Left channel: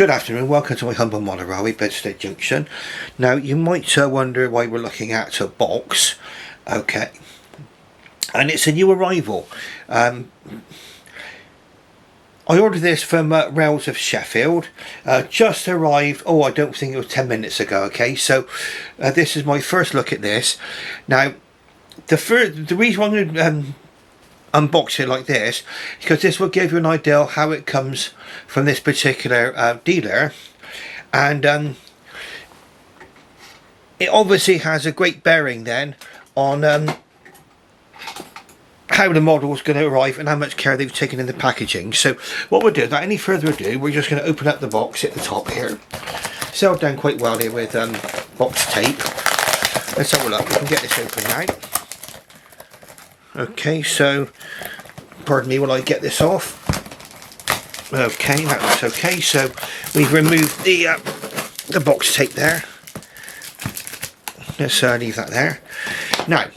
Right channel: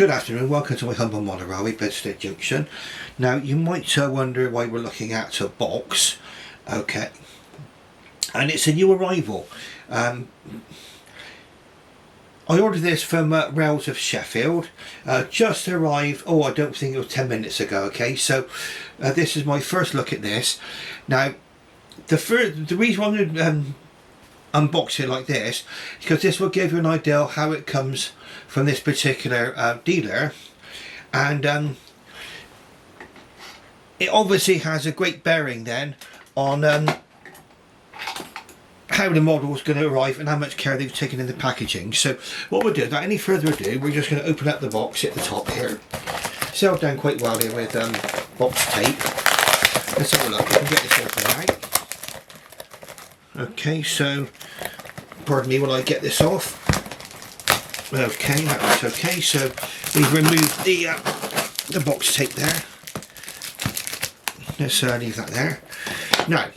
Good afternoon, welcome to my humble monorail, Bedstead Junction. Now you might wonder why we're looking at a box, okay, and it's a new arrival. I ordered this from Rails of Sheffield, just arrived, I don't think it was 10 minutes ago, okay, so this is my first look at this. Now the reason I'm going to unbox it like this, because this will give you an idea how it comes from this particular dealer, and it obviously has a great bearing then on how the model is going to arrive and how much care they've taken in the packaging. So what we'll do, without any further ado, we're just going to open up the box at the top here. Sealed down quite well here with box tape. Let's have a look, we can get this open now. Okay, so pardon me while I get this off. Okay, that looks okay. So we've removed the box tape there. Let's leave that there. Now,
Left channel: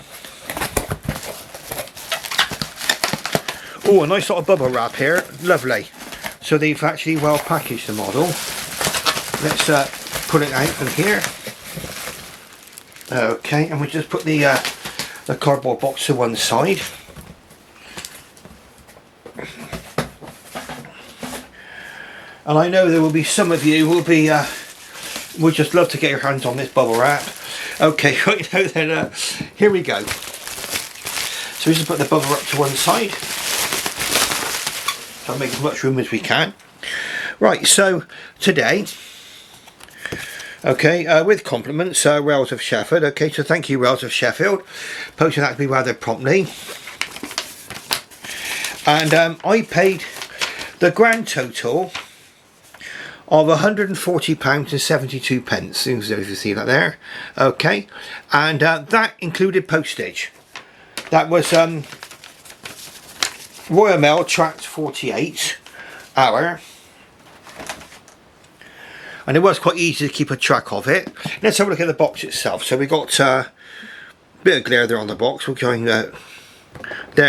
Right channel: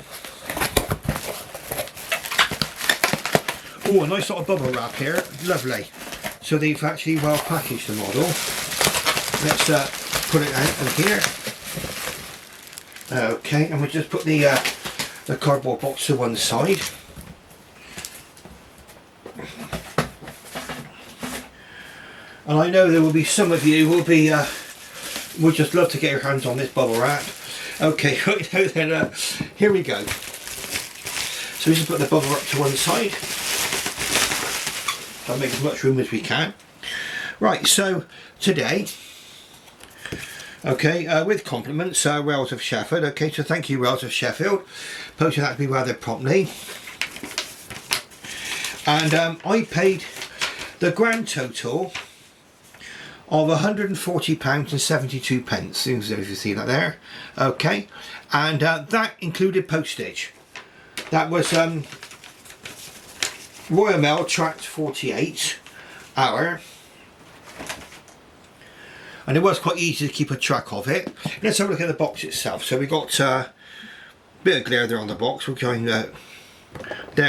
a nice sort of bubble wrap here, lovely. So they've actually well packaged the model. Let's put it out from here. Okay, and we'll just put the cardboard box to one side. And I know there will be some of you who will be would just love to get your hands on this bubble wrap. Okay, right now then, here we go. So we just put the bubble wrap to one side. So make as much room as we can. Right, so today, okay, with compliments, Rails of Sheffield. Okay, so thank you, Rails of Sheffield. Posted that to me rather promptly. And I paid the grand total of £140.72, seems as you see that there. Okay, and that included postage. That was Royal Mail Tract 48 hour, and it was quite easy to keep a track of it. Let's have a look at the box itself. So we got a bit of glare there on the box. We're going there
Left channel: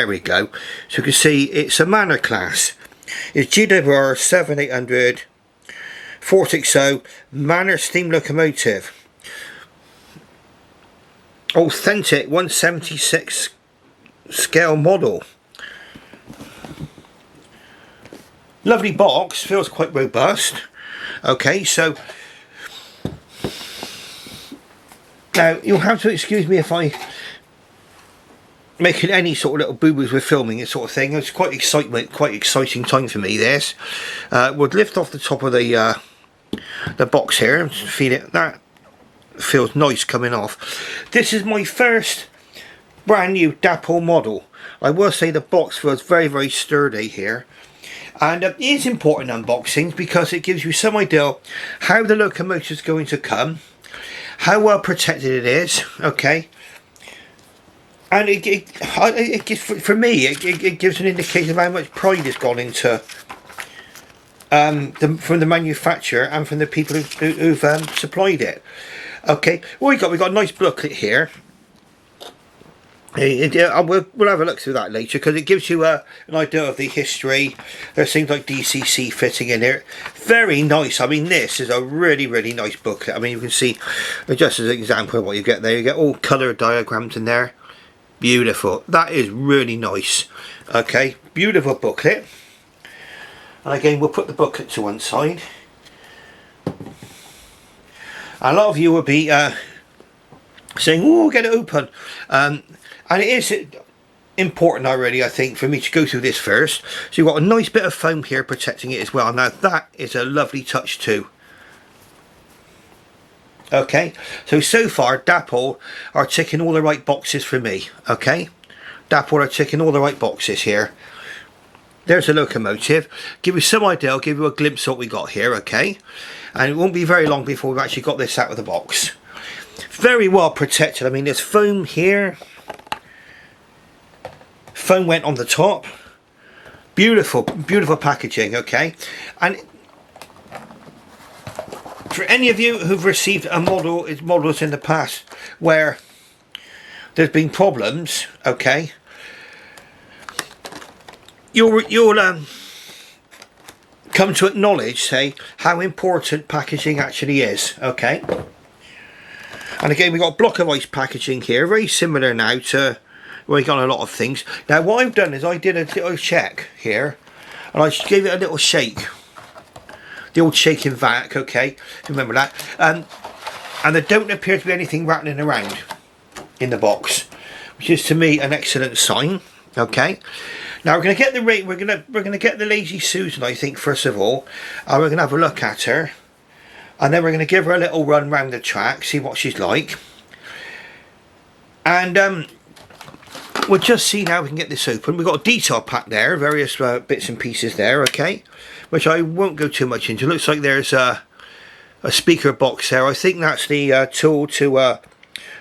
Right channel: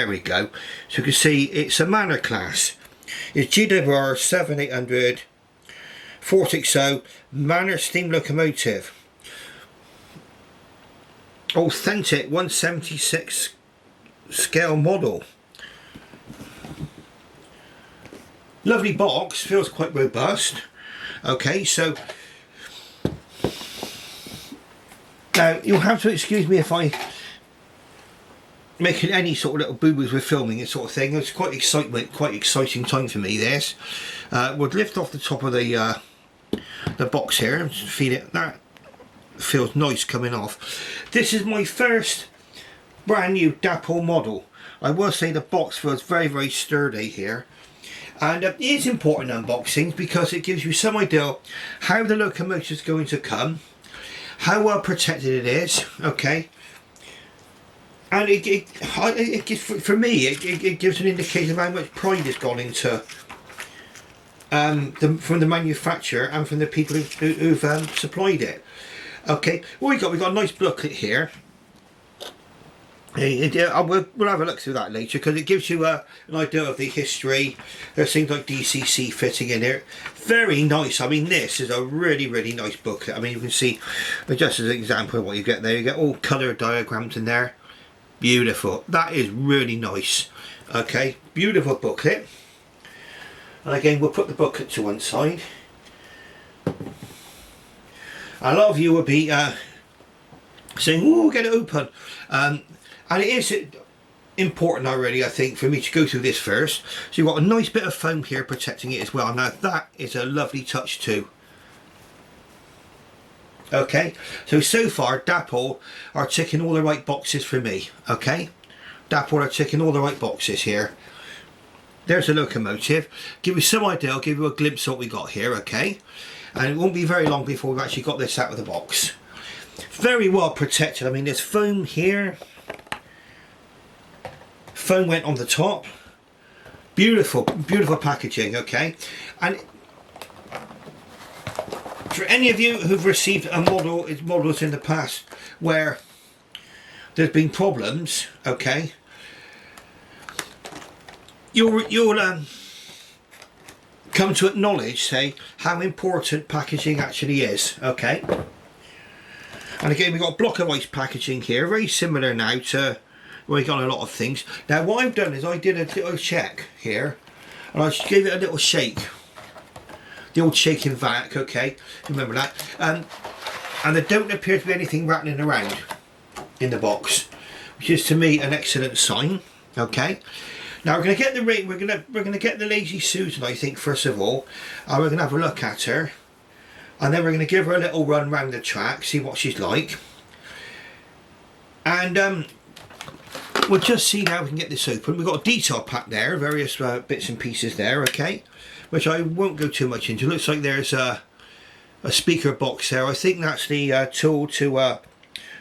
we go. So you can see it's a Manor class. It's GWR 7800 460 Manor steam locomotive, authentic 176 scale model. Lovely box, feels quite robust. Okay, so now you'll have to excuse me if I making any sort of little boo-boos with filming this sort of thing. It's quite exciting time for me, this. We'll lift off the top of the box here and feel it. That feels nice coming off. This is my first brand new Dapol model. I will say the box feels very, very sturdy here. And it is important unboxing because it gives you some idea how the locomotive is going to come, how well protected it is, okay. And it gives, for me, it gives an indication of how much pride has gone into from the manufacturer and from the people who've supplied it. Okay, what we've got a nice booklet here. We'll have a look through that later because it gives you an idea of the history. There's things like DCC fitting in here. Very nice. I mean, this is a really, really nice booklet. I mean, you can see, just as an example of what you get there, you get all colour diagrams in there. Beautiful. That is really nice. Okay, beautiful booklet. And again, we'll put the booklet to one side. A lot of you will be saying, "Oh, get it open." And it is important already, I think, for me to go through this first. So you've got a nice bit of foam here protecting it as well. Now that is a lovely touch too. Okay, so far Dapol are ticking all the right boxes for me. Okay, Dapol are ticking all the right boxes here. There's a locomotive. Give you some idea, I'll give you a glimpse of what we got here, okay? And it won't be very long before we've actually got this out of the box. Very well protected. I mean, there's foam here. Foam went on the top. Beautiful, beautiful packaging, okay? And for any of you who've received models in the past where there's been problems, okay, you'll come to acknowledge, say, how important packaging actually is, okay? And again, we've got block of ice packaging here, very similar now to where we've got a lot of things. Now what I've done is I did a little check here, and I gave it a little shake. The old shaking vac, okay, remember that. And there don't appear to be anything rattling around in the box, which is to me an excellent sign, okay. Now we're going to get the we're going to get the Lazy Susan, I think, first of all, and we're going to have a look at her, and then we're going to give her a little run round the track, see what she's like, and we'll just see how we can get this open. We've got a detail pack there, various bits and pieces there, okay, which I won't go too much into. Looks like there's a speaker box there. I think that's the tool to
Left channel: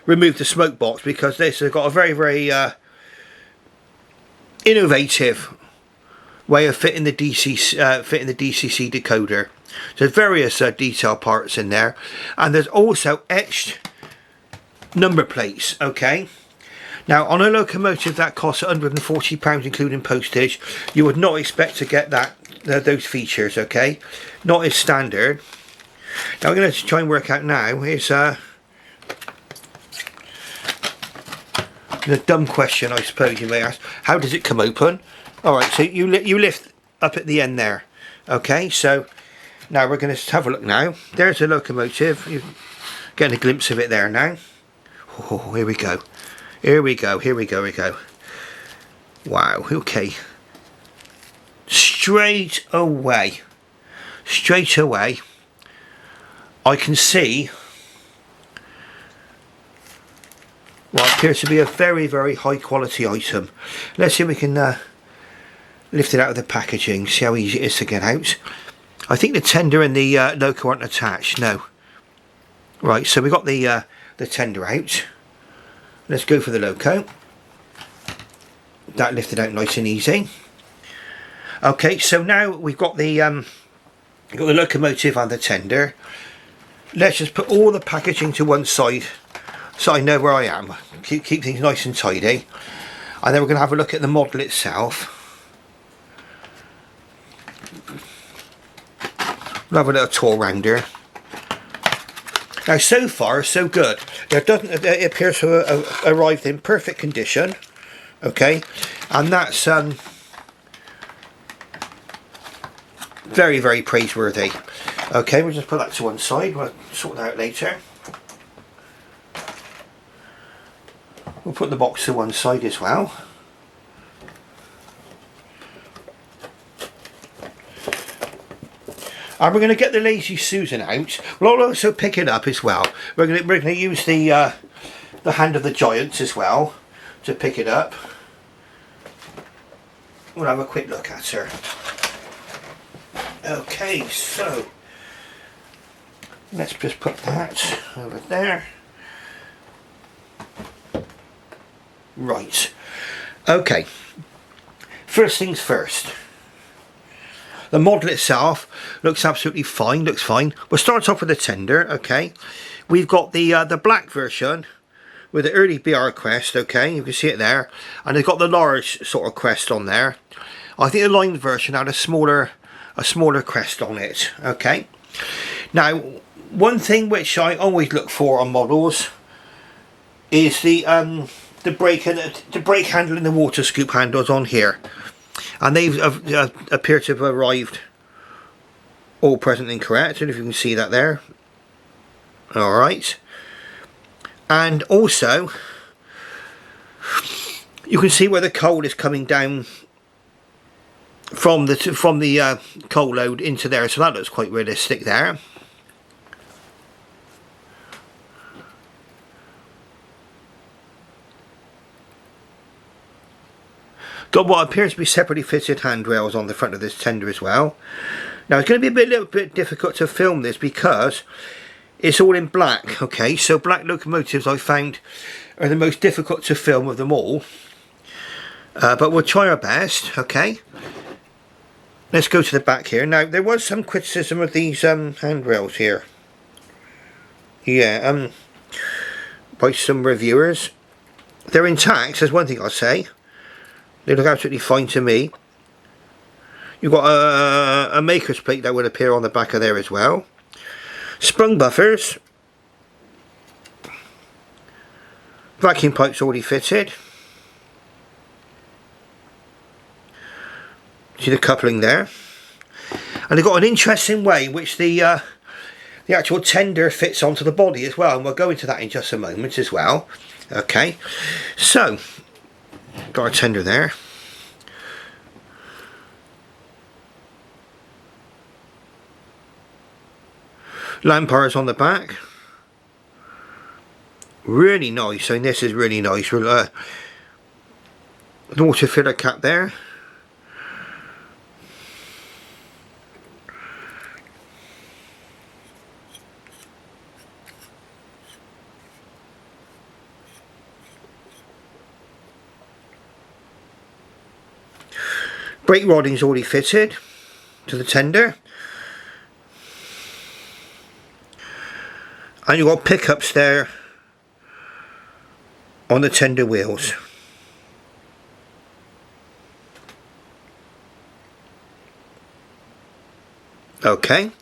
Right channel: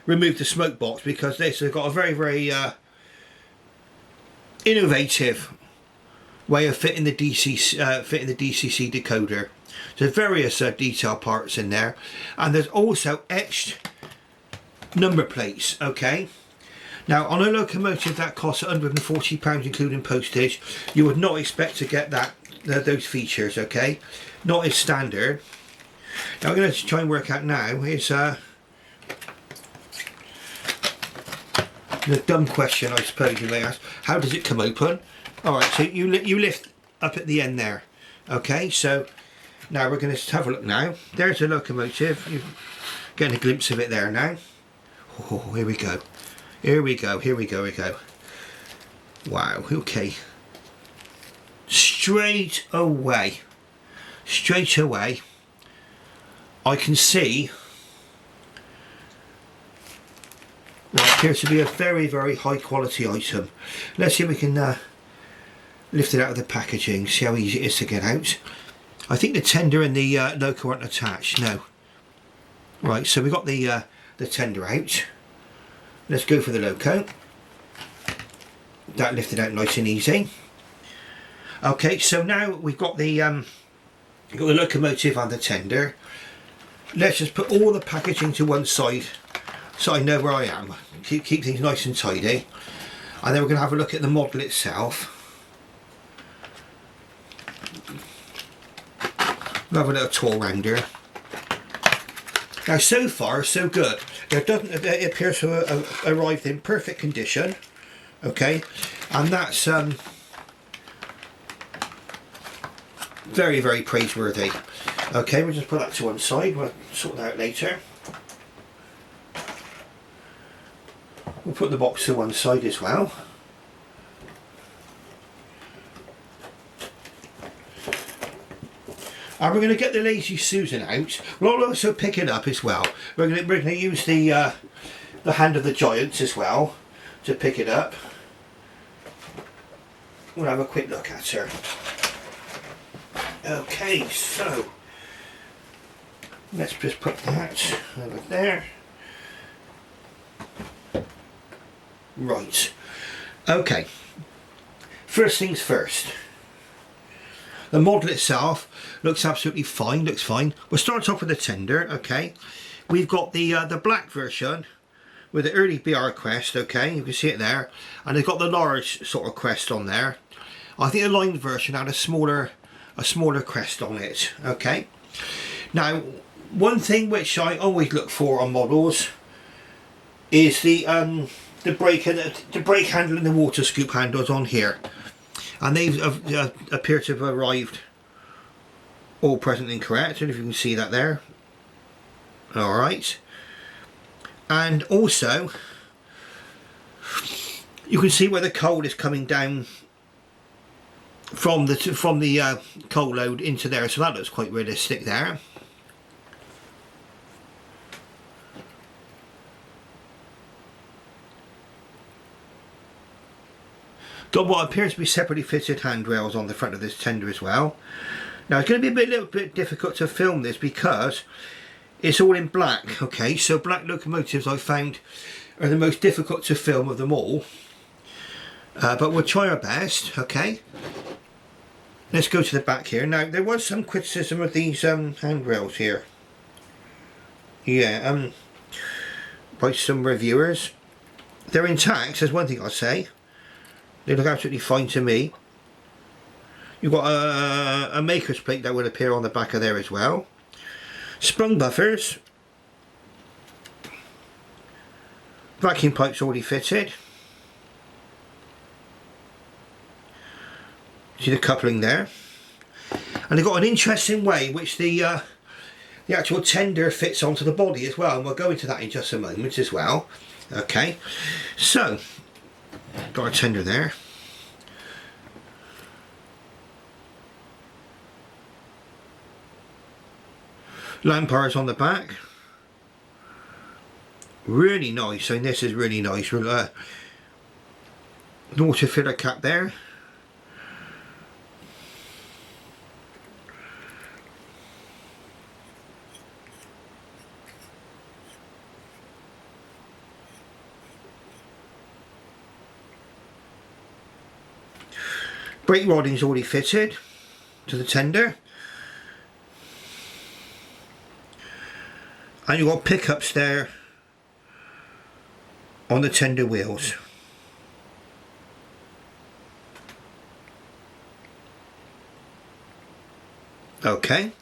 remove the smoke box, because they've got a very innovative way of fitting the DCC decoder. There's various detail parts in there, and there's also etched number plates, okay. Now on a locomotive that costs £140 including postage, you would not expect to get those features, okay, not as standard. Now I'm going to try and work out now is the dumb question, I suppose you may ask, how does it come open? Alright, so you lift up at the end there, okay. So now we're going to have a look now. There's the locomotive. You're getting a glimpse of it there now. Oh, here we go. Here we go. Wow, okay. Straight away, I can see what appears to be a very high quality item. Let's see if we can lift it out of the packaging, see how easy it is to get out. I think the tender and the loco aren't attached, no. Right, so we got the tender out. Let's go for the loco. That lifted out nice and easy. Okay, so now we've got the locomotive and the tender. Let's just put all the packaging to one side so I know where I am. Keep things nice and tidy. And then we're going to have a look at the model itself. We'll have a little tour round here. Now so far so good. It appears to have arrived in perfect condition, okay, and that's very praiseworthy. Okay, we'll just put that to one side. We'll sort that out later. We'll put the box to one side as well. And we're going to get the Lazy Susan out. We'll also pick it up as well. We're going to use the hand of the giants as well to pick it up. We'll have a quick look at her. Okay, so let's just put that over there. Right. Okay. First things first. The model itself looks absolutely fine, looks fine. We'll start off with the tender, okay. We've got the black version with the early BR crest, okay, you can see it there. And they've got the large sort of crest on there. I think the lined version had a smaller crest on it, okay. Now, one thing which I always look for on models is the brake handle and the water scoop handles on here. And they appear to have arrived all present and correct. I don't know if you can see that there. Alright. And also, you can see where the coal is coming down from the coal load into there. So that looks quite realistic there. Got what appears to be separately fitted handrails on the front of this tender as well. Now it's going to be a little bit difficult to film this because it's all in black, okay, so black locomotives I found are the most difficult to film of them all. But we'll try our best, okay. Let's go to the back here. Now there was some criticism of these handrails here. Yeah, by some reviewers. They're intact, that's one thing I'll say. They look absolutely fine to me. You've got a maker's plate that would appear on the back of there as well. Sprung buffers. Vacuum pipes already fitted. See the coupling there. And they've got an interesting way which the actual tender fits onto the body as well. And we'll go into that in just a moment as well. Okay. So, got our tender there. Lamp bars on the back. Really nice. I mean, this is really nice. Water filler cap there. Brake rodding's already fitted to the tender. And you've got pickups there on the tender wheels. Okay.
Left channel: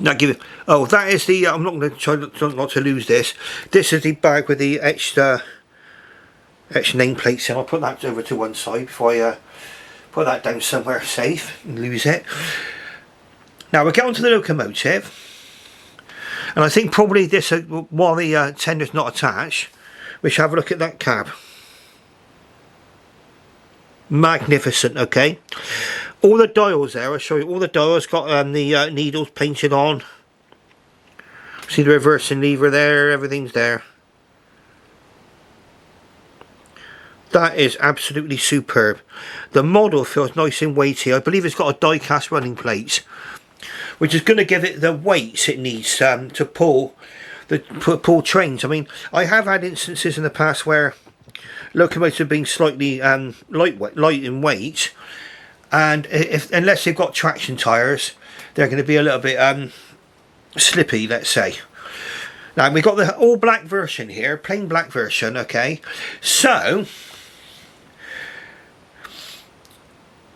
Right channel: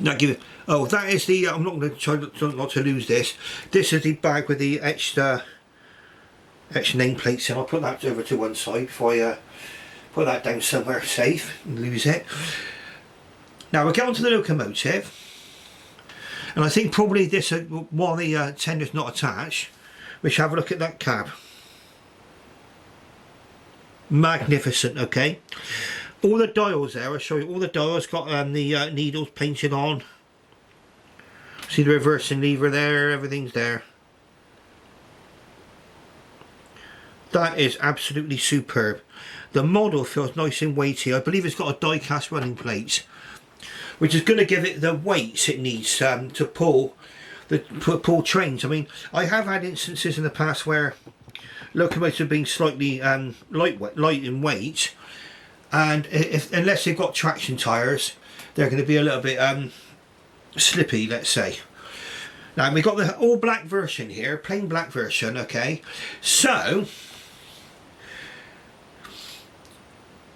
Now give it. Oh, that is the. I'm not going to try not to lose this. This is the bag with the etched nameplates in. I'll put that over to one side before I put that down somewhere safe and lose it. Now we'll get onto the locomotive. And I think probably this, while the tender's not attached, we shall have a look at that cab. Magnificent, okay. All the dials there, I'll show you, all the dials got the needles painted on. See the reversing lever there, everything's there. That is absolutely superb. The model feels nice and weighty. I believe it's got a die-cast running plate, which is going to give it the weights it needs to pull trains. I mean, I have had instances in the past where locomotives have been slightly light in weight, and unless they've got traction tyres, they're going to be a little bit slippy, let's say. Now we've got the all black version here, plain black version. Okay, so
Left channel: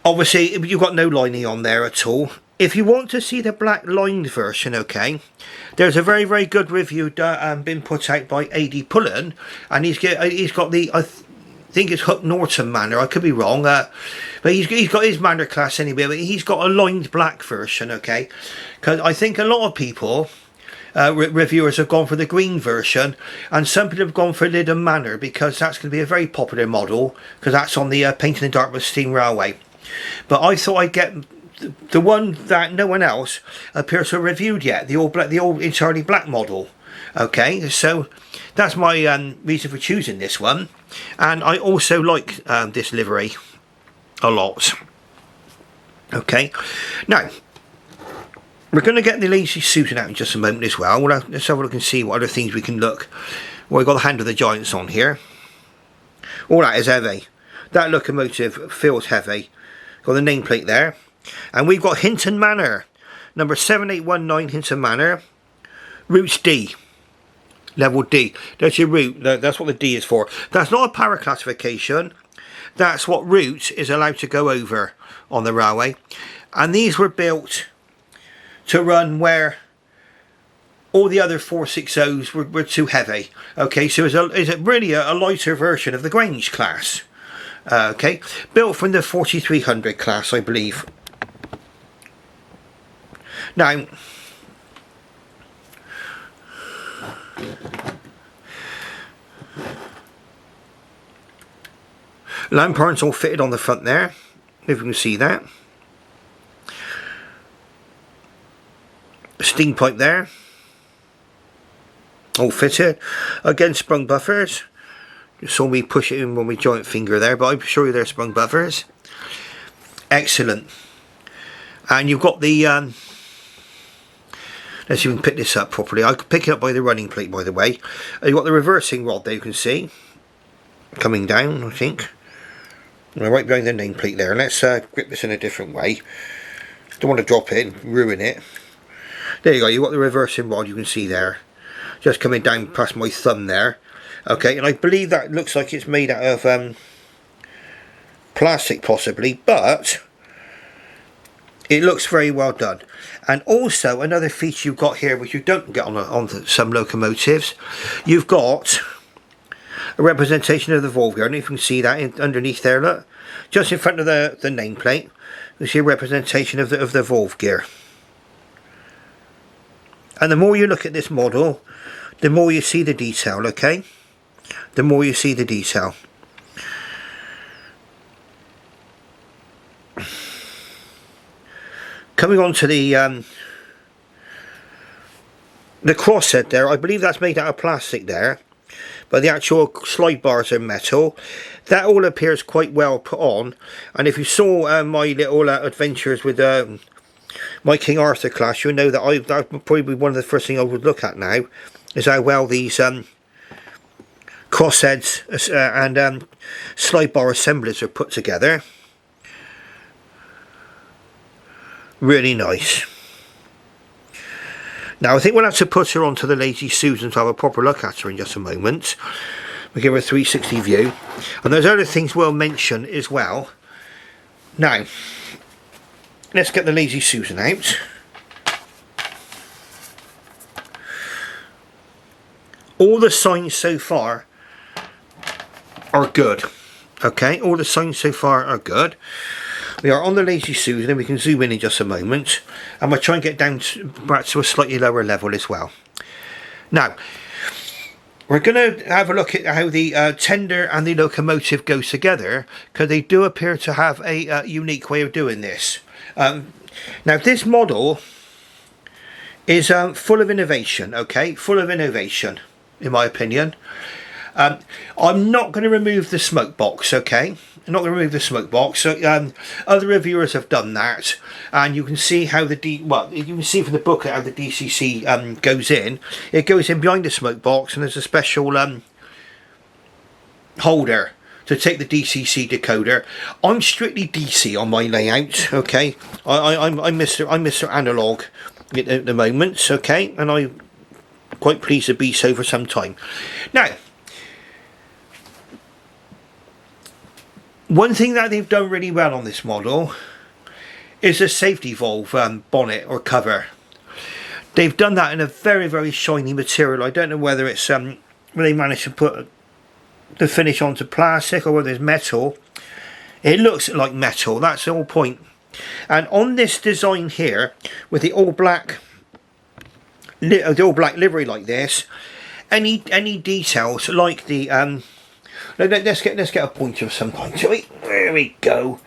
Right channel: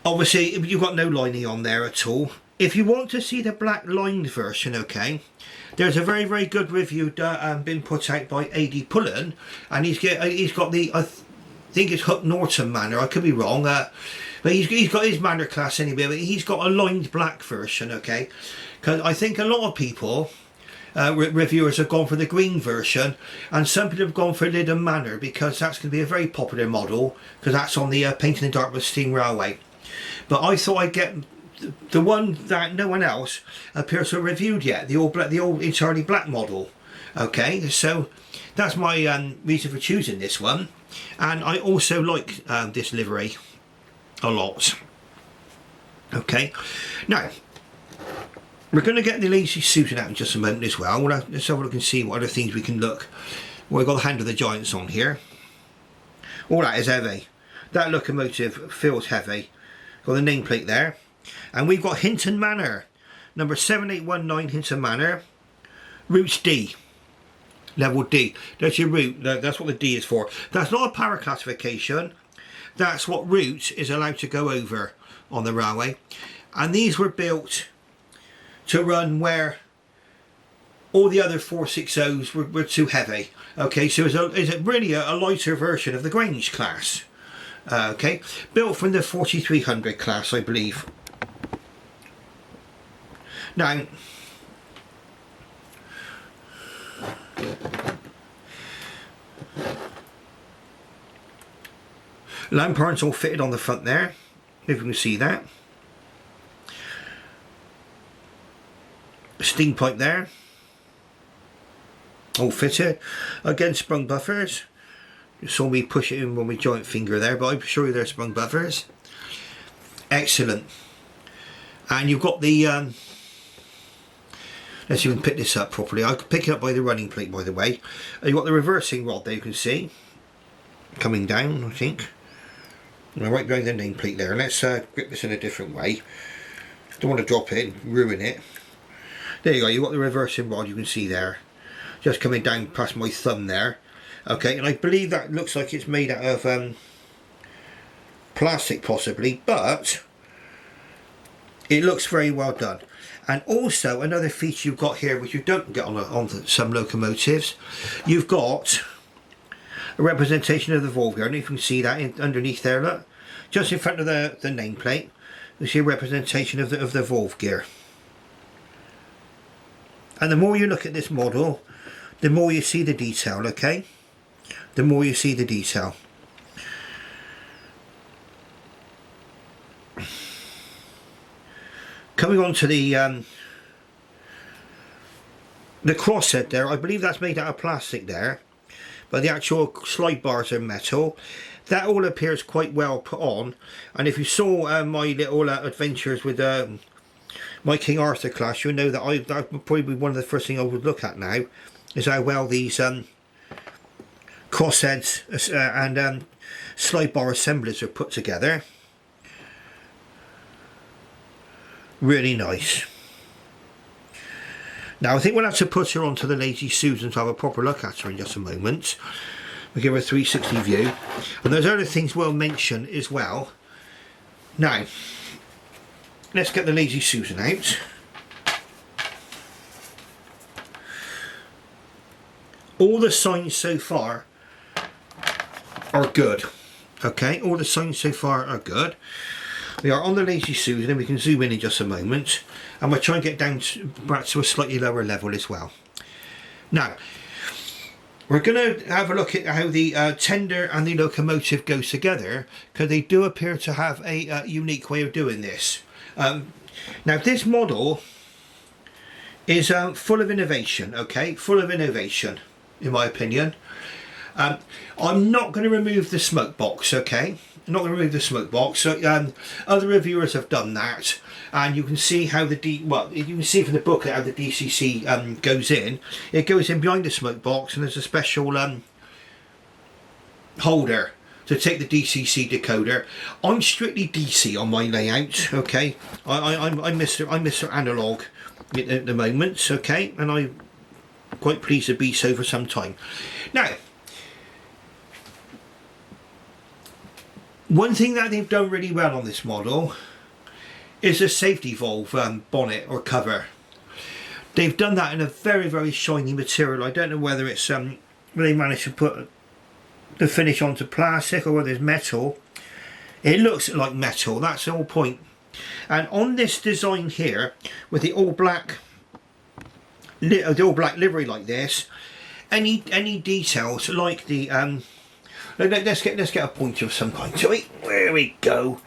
obviously you've got no lining on there at all. If you want to see the black lined version, okay, there's a very, very good review been put out by A.D. Pullen, and he's got the, I think it's Hinton Manor, I could be wrong, but he's got his Manor class anyway, but he's got a lined black version, okay, because I think a lot of people, reviewers have gone for the green version, and some people have gone for Hinton Manor, because that's going to be a very popular model, because that's on the Painting in Dartmouth Steam Railway. But I thought I'd get the one that no one else appears to have reviewed yet, the old entirely black model. Okay, so that's my reason for choosing this one, and I also like this livery a lot. Okay, now we're going to get the lazy suiting out in just a moment as well. Let's have a look and see what other things we can look. Well, we've got the Hand of the Giants on here. All that is heavy. That locomotive feels heavy. Got the nameplate there. And we've got Hinton Manor, number 7819 Hinton Manor, routes D, level D. That's your route, that's what the D is for. That's not a power classification, that's what route is allowed to go over on the railway. And these were built to run where all the other 460s were too heavy. Okay, so it's really a lighter version of the Grange class. Okay, built from the 4300 class, I believe. Now, lamp irons all fitted on the front there, if you can see that. Steam pipe there, all fitted. Again, sprung buffers. You saw me push it in with my joint finger there, but I'm sure they're sprung buffers. Excellent. And you've got the let's see if we can pick this up properly. I could pick it up by the running plate, by the way. You've got the reversing rod there, you can see. Coming down, I think. Right behind the nameplate there. Let's grip this in a different way. Don't want to drop it and ruin it. There you go, you've got the reversing rod, you can see there. Just coming down past my thumb there. Okay, and I believe that looks like it's made out of plastic possibly, but It looks very well done. And also another feature you've got here, which you don't get on some locomotives, you've got a representation of the valve gear. I don't know if you can see that underneath there, look. Just in front of the nameplate, you see a representation of the valve gear. And the more you look at this model, the more you see the detail, okay? The more you see the detail. Coming on to the crosshead there, I believe that's made out of plastic there, but the actual slide bars are metal. That all appears quite well put on, and if you saw my little adventures with my King Arthur class, you'll know that that would probably be one of the first things I would look at now, is how well these crossheads and slide bar assemblies are put together. Really nice. Now I think we'll have to put her onto the Lazy Susan to have a proper look at her in just a moment. We'll give her a 360 view. And there's other things we'll mention as well. Now, let's get the Lazy Susan out. All the signs so far are good. Okay, all the signs so far are good. We are on the Lazy Susan and we can zoom in just a moment. And we'll try and get down back to a slightly lower level as well. Now, we're going to have a look at how the tender and the locomotive go together, because they do appear to have a unique way of doing this. Now this model is full of innovation, okay? Full of innovation, in my opinion. I'm not going to remove the smoke box, okay? I'm not going to remove the smoke box. So, other reviewers have done that. And you can see how you can see from the booklet how the DCC goes in. It goes in behind the smoke box, and there's a special holder to take the DCC decoder. I'm strictly DC on my layout, okay. I'm Mr. Analog at the moment, okay, and I'm quite pleased to be so for some time. Now, one thing that they've done really well on this model is the safety valve bonnet or cover. They've done that in a very, very shiny material. I don't know whether it's whether they managed to put the finish onto plastic or whether it's metal. It looks like metal, that's the whole point. And on this design here, with the all black livery like this, any details like the let's get a pointer of some kind to it. There we go.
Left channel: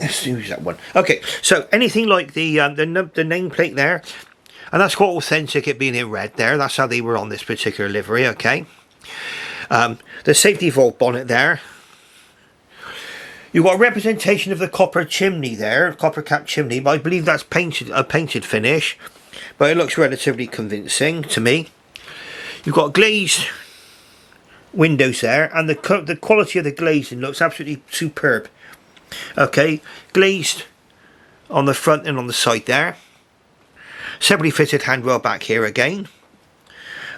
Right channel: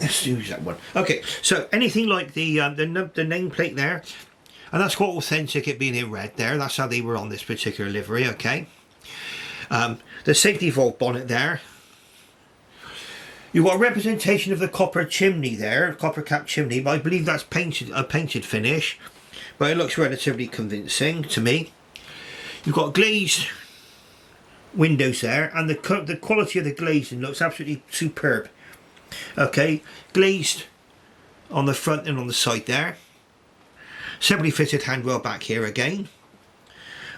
Let's use that one. Okay, so anything like the nameplate there, and that's quite authentic, it being in red there. That's how they were on this particular livery. Okay, the safety valve bonnet there. You've got a representation of the copper chimney there, copper cap chimney, but I believe that's a painted finish, but it looks relatively convincing to me. You've got glazed windows there, and the quality of the glazing looks absolutely superb. Okay, glazed on the front and on the side there. Separately fitted handrail back here again.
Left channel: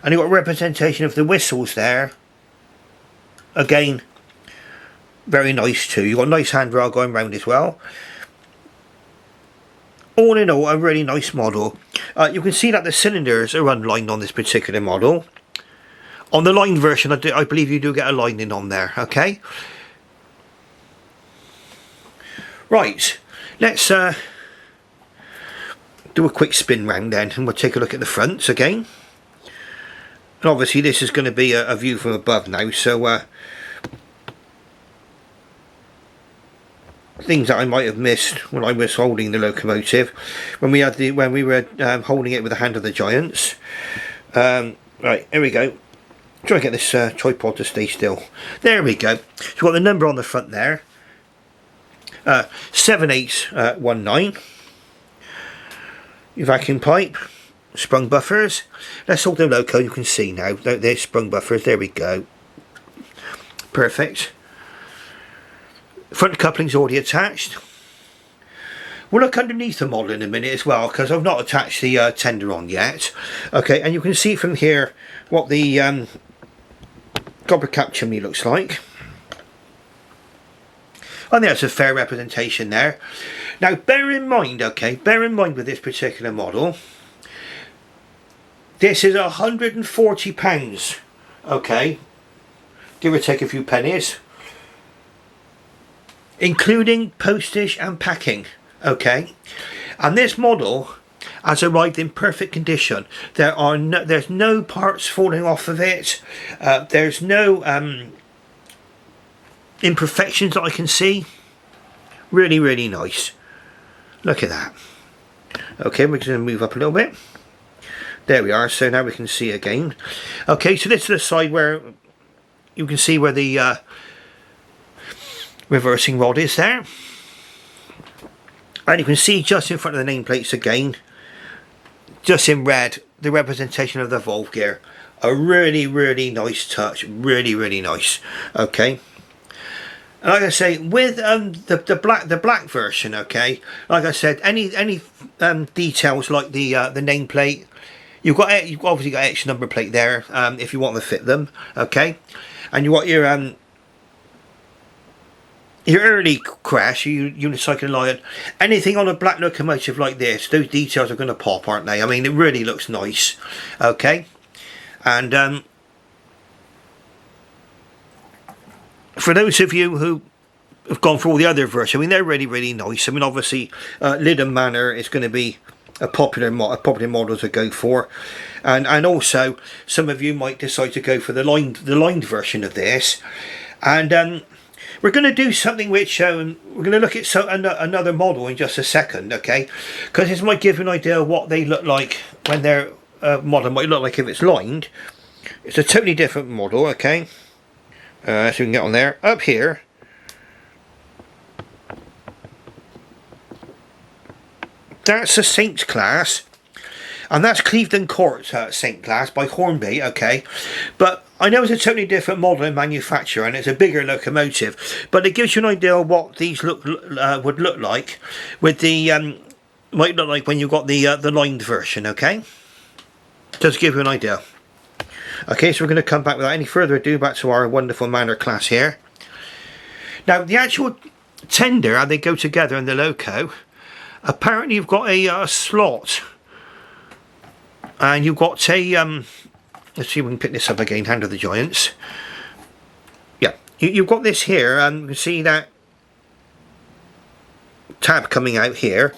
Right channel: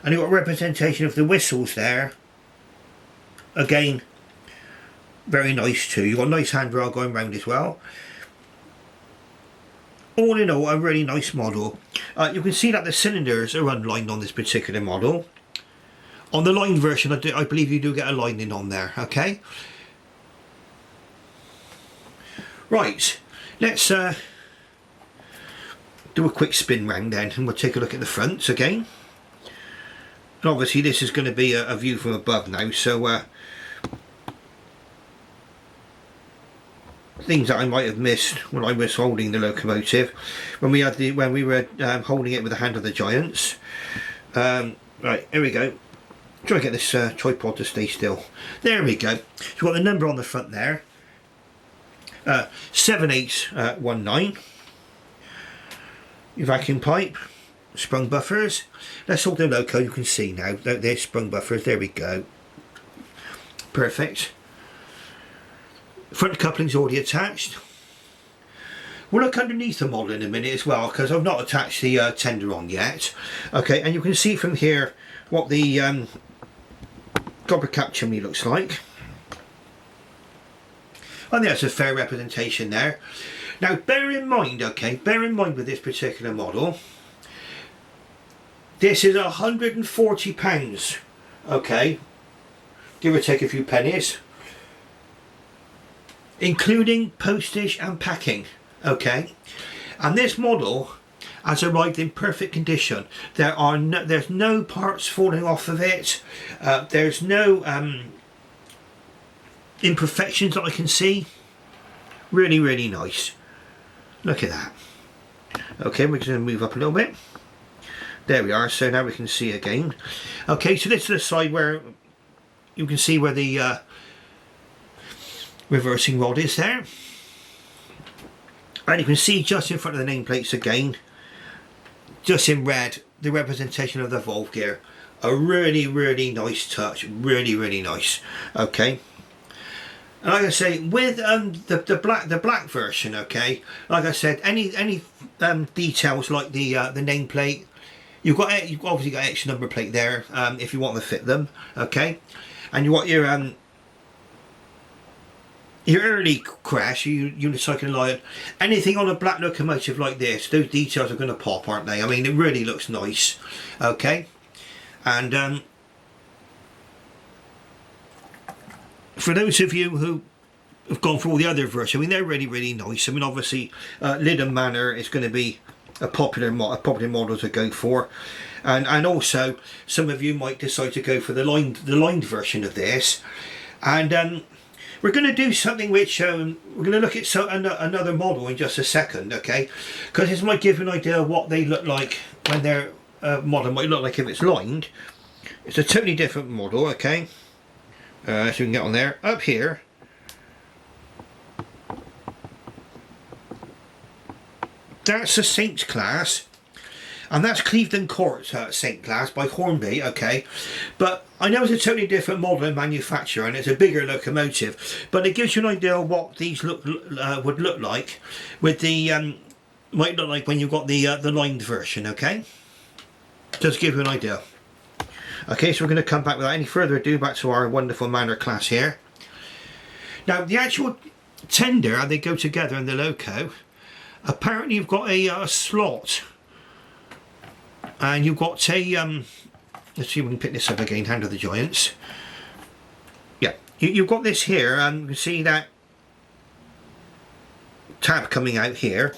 And you've got a representation of the whistles there. Again, very nice too. You've got a nice handrail going round as well. All in all, a really nice model. You can see that the cylinders are unlined on this particular model. On the lined version, I believe you do get a lining on there, okay? Right, let's do a quick spin round then, and we'll take a look at the fronts again. And obviously this is going to be a view from above now, so things that I might have missed when I was holding the locomotive, when we were holding it with the hand of the giants. Right, here we go. Try and get this tripod to stay still. There we go. So we've got the number on the front there. 7819. Your vacuum pipe, sprung buffers. Let's hold the loco. You can see now. There's sprung buffers. There we go. Perfect. Front coupling's already attached. We'll look underneath the model in a minute as well, because I've not attached the tender on yet. Okay, and you can see from here what the copper cap chimney looks like. I think that's a fair representation there. Now bear in mind, okay, bear in mind with this particular model, this is £140, okay, give or take a few pennies, including postage and packing, okay. And this model has arrived in perfect condition. There's no parts falling off of it. There's no imperfections that I can see. Really, really nice. Look at that. Okay, we're going to move up a little bit. There we are. So now we can see again. Okay, so this is the side where you can see where the reversing rod is there. And you can see just in front of the nameplates again, just in red, the representation of the valve gear. A really, really nice touch. Really, really nice. Okay. And like I say, with the black version, okay, like I said, any details like the nameplate, you've obviously got extra number plate there if you want to fit them, okay, and you got your early crash, unicycle lion, anything on a black locomotive like this, those details are going to pop, aren't they? I mean, it really looks nice, okay, and for those of you who have gone for all the other versions, I mean, they're really, really nice. I mean, obviously, Hinton Manor is going to be a popular model to go for, and also some of you might decide to go for the lined version of this, and we're going to do something which we're going to look at another model in just a second, okay? Because this might give you an idea of what they look like when their model might look like if it's lined. It's a totally different model, okay? So we can get on there. Up here, that's the Saint class, and that's Clevedon Court Saint class by Hornby, okay? But I know it's a totally different model in manufacture, and it's a bigger locomotive, but it gives you an idea of what these would look like with the might look like when you've got the lined version, okay? Just give you an idea. Okay, so we're going to come back without any further ado back to our wonderful Manor class here. Now, the actual tender, how they go together in the loco, apparently you've got a slot, and you've got a, let's see if we can pick this up again, Hand of the Giants. Yeah, you've got this here, and you see that tab coming out here.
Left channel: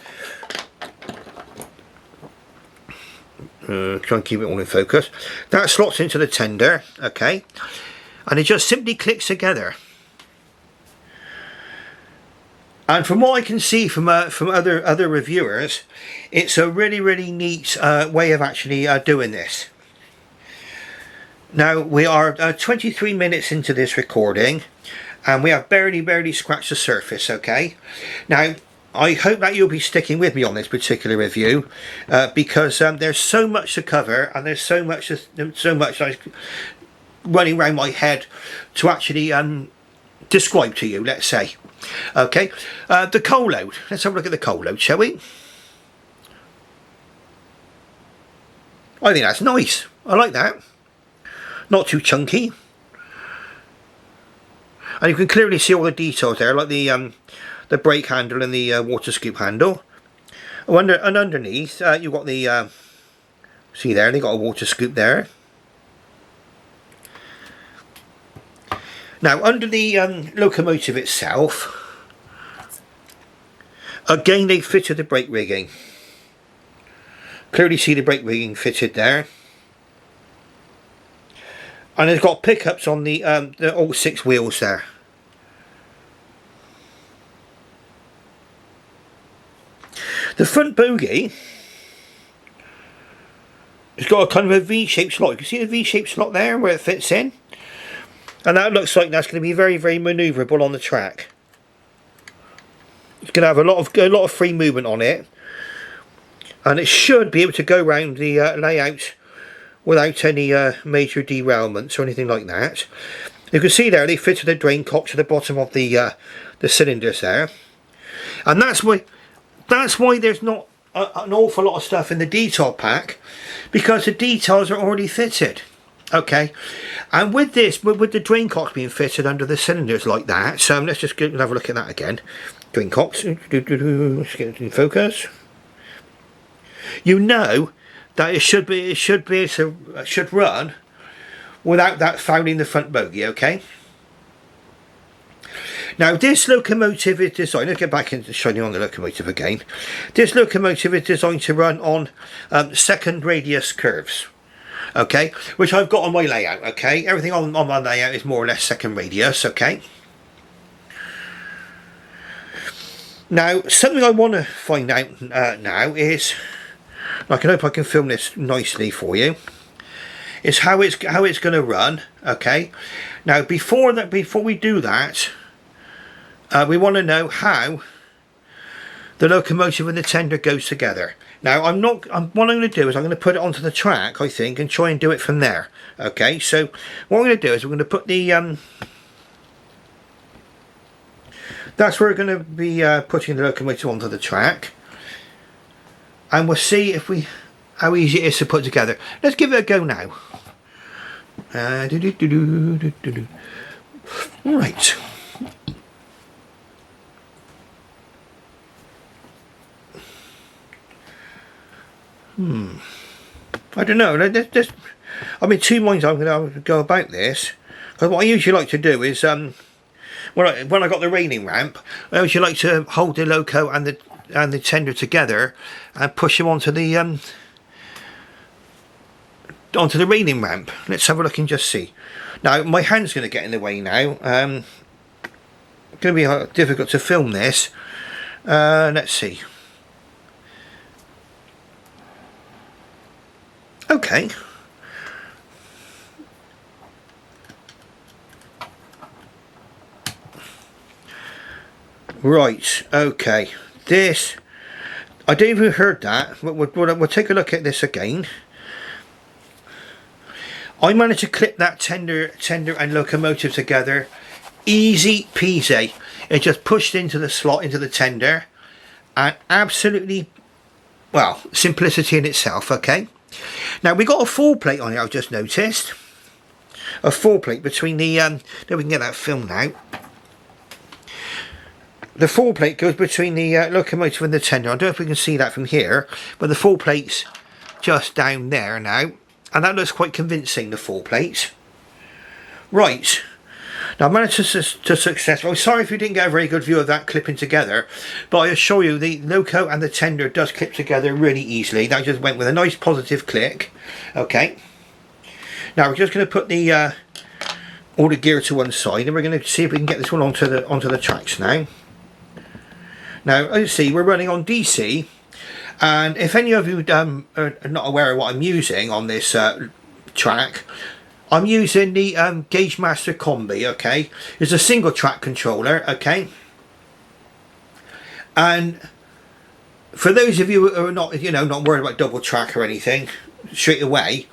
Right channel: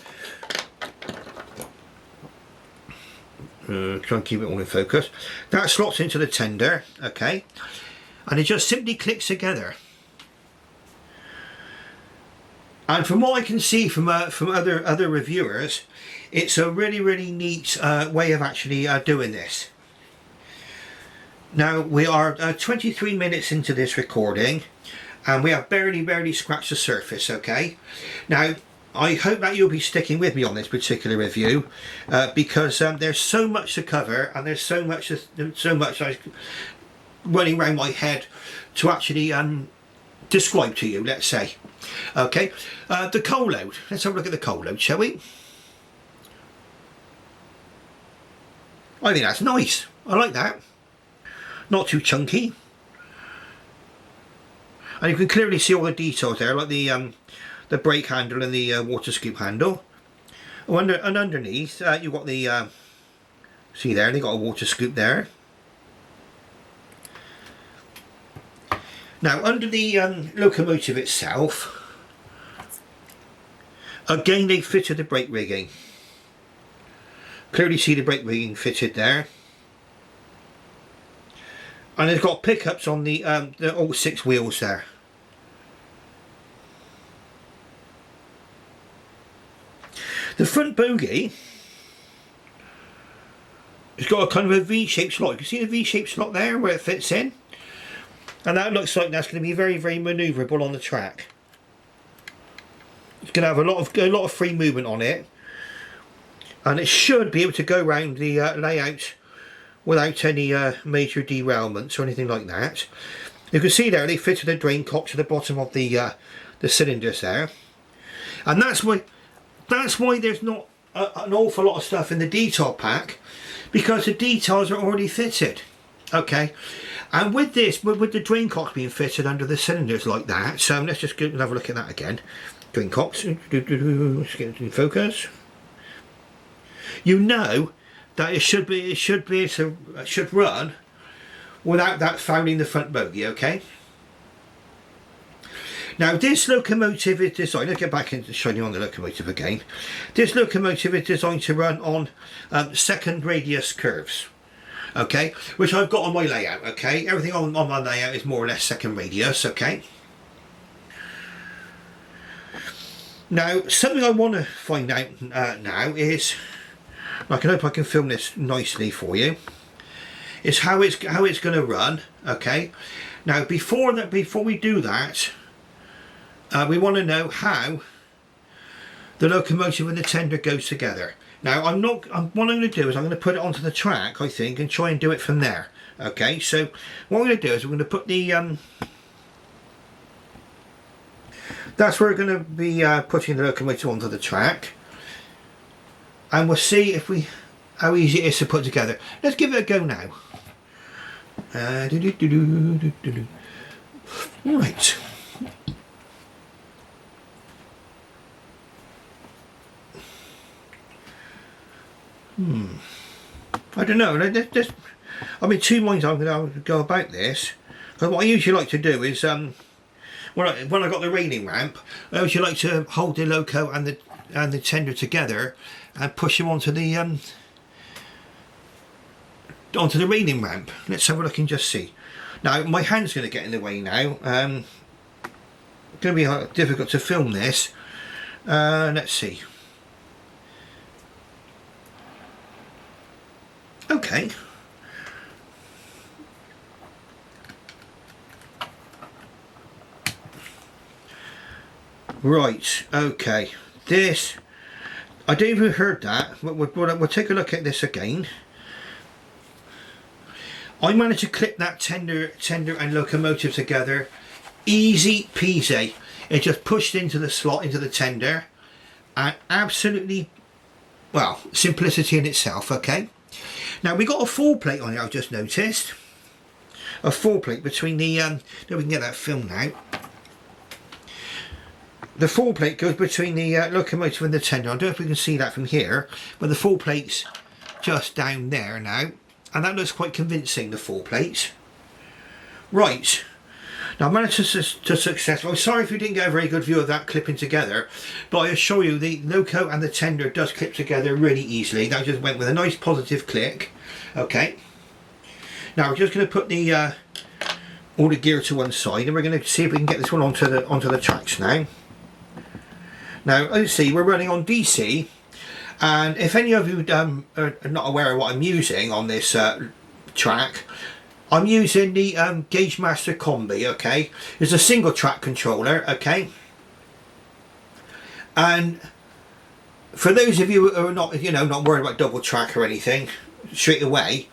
Try and keep it all in focus. That slots into the tender, okay, and it just simply clicks together. And from what I can see from other reviewers, it's a really, really neat way of actually doing this. Now we are 23 minutes into this recording, and we have barely scratched the surface, okay. Now I hope that you'll be sticking with me on this particular review, because there's so much to cover, and there's so much like running around my head to actually describe to you, let's say. Okay, the coal load. Let's have a look at the coal load, shall we? I think that's nice. I like that. Not too chunky, and you can clearly see all the details there, like the brake handle and the water scoop handle. Oh, and underneath you've got the see there, they got a water scoop there. Now under the locomotive itself, again they fitted the brake rigging. Clearly see the brake rigging fitted there, and it's got pickups on the all 6 wheels there. The front bogie has got a kind of a V-shaped slot. You can see the V-shaped slot there where it fits in, and that looks like that's going to be very, very manoeuvrable on the track. It's going to have a lot of free movement on it, and it should be able to go around the layout without any major derailments or anything like that. You can see there they fitted a drain cock to the bottom of the cylinders there, and that's why there's not an awful lot of stuff in the detail pack, because the details are already fitted, okay. And with this, with the drain cock being fitted under the cylinders like that, so let's just have a look at that again. Drink Cox. Let's get it in focus. You know that it should run without that fouling the front bogie, okay? Now this locomotive is designed, let's get back into showing you on the locomotive again. This locomotive is designed to run on second radius curves, okay? Which I've got on my layout, okay? Everything on my layout is more or less second radius, okay? Now, something I want to find out now is, I can hope I can film this nicely for you, is how it's going to run, okay? Now, before we do that, we want to know how the locomotive and the tender goes together. Now, what I'm going to do is I'm going to put it onto the track, I think, and try and do it from there, okay? So, what we're going to do is we're going to put the that's where we're going to be putting the locomotive onto the track, and we'll see how easy it is to put together. Let's give it a go now. Right. I don't know. I'm in two minds. I'm going to go about this. Because what I usually like to do is when I got the railing ramp, I usually like to hold the loco and the tender together and push them onto the railing ramp. Let's have a look and just see. Now my hand's going to get in the way now. It's going to be difficult to film this. Let's see. Okay. Right, okay. This, I don't even heard that. We'll take a look at this again. I managed to clip that tender and locomotive together. Easy peasy. It just pushed into the slot, into the tender. And absolutely, well, simplicity in itself, okay? Now, we got a full plate on it, I've just noticed. A full plate between the, then we can get that filmed now. The full plate goes between the locomotive and the tender. I don't know if we can see that from here, but the full plate's just down there now. And that looks quite convincing, the full plate. Right. Now, I managed to success. I'm sorry if you didn't get a very good view of that clipping together, but I assure you the loco and the tender does clip together really easily. That just went with a nice positive click. Okay. Now, we're just going to put the all the gear to one side, and we're going to see if we can get this one onto the tracks now. Now, as you see, we're running on DC, and if any of you are not aware of what I'm using on this track, I'm using the Gauge Master Combi, okay? It's a single track controller, okay? And for those of you who are not, not worried about double track or anything straight away,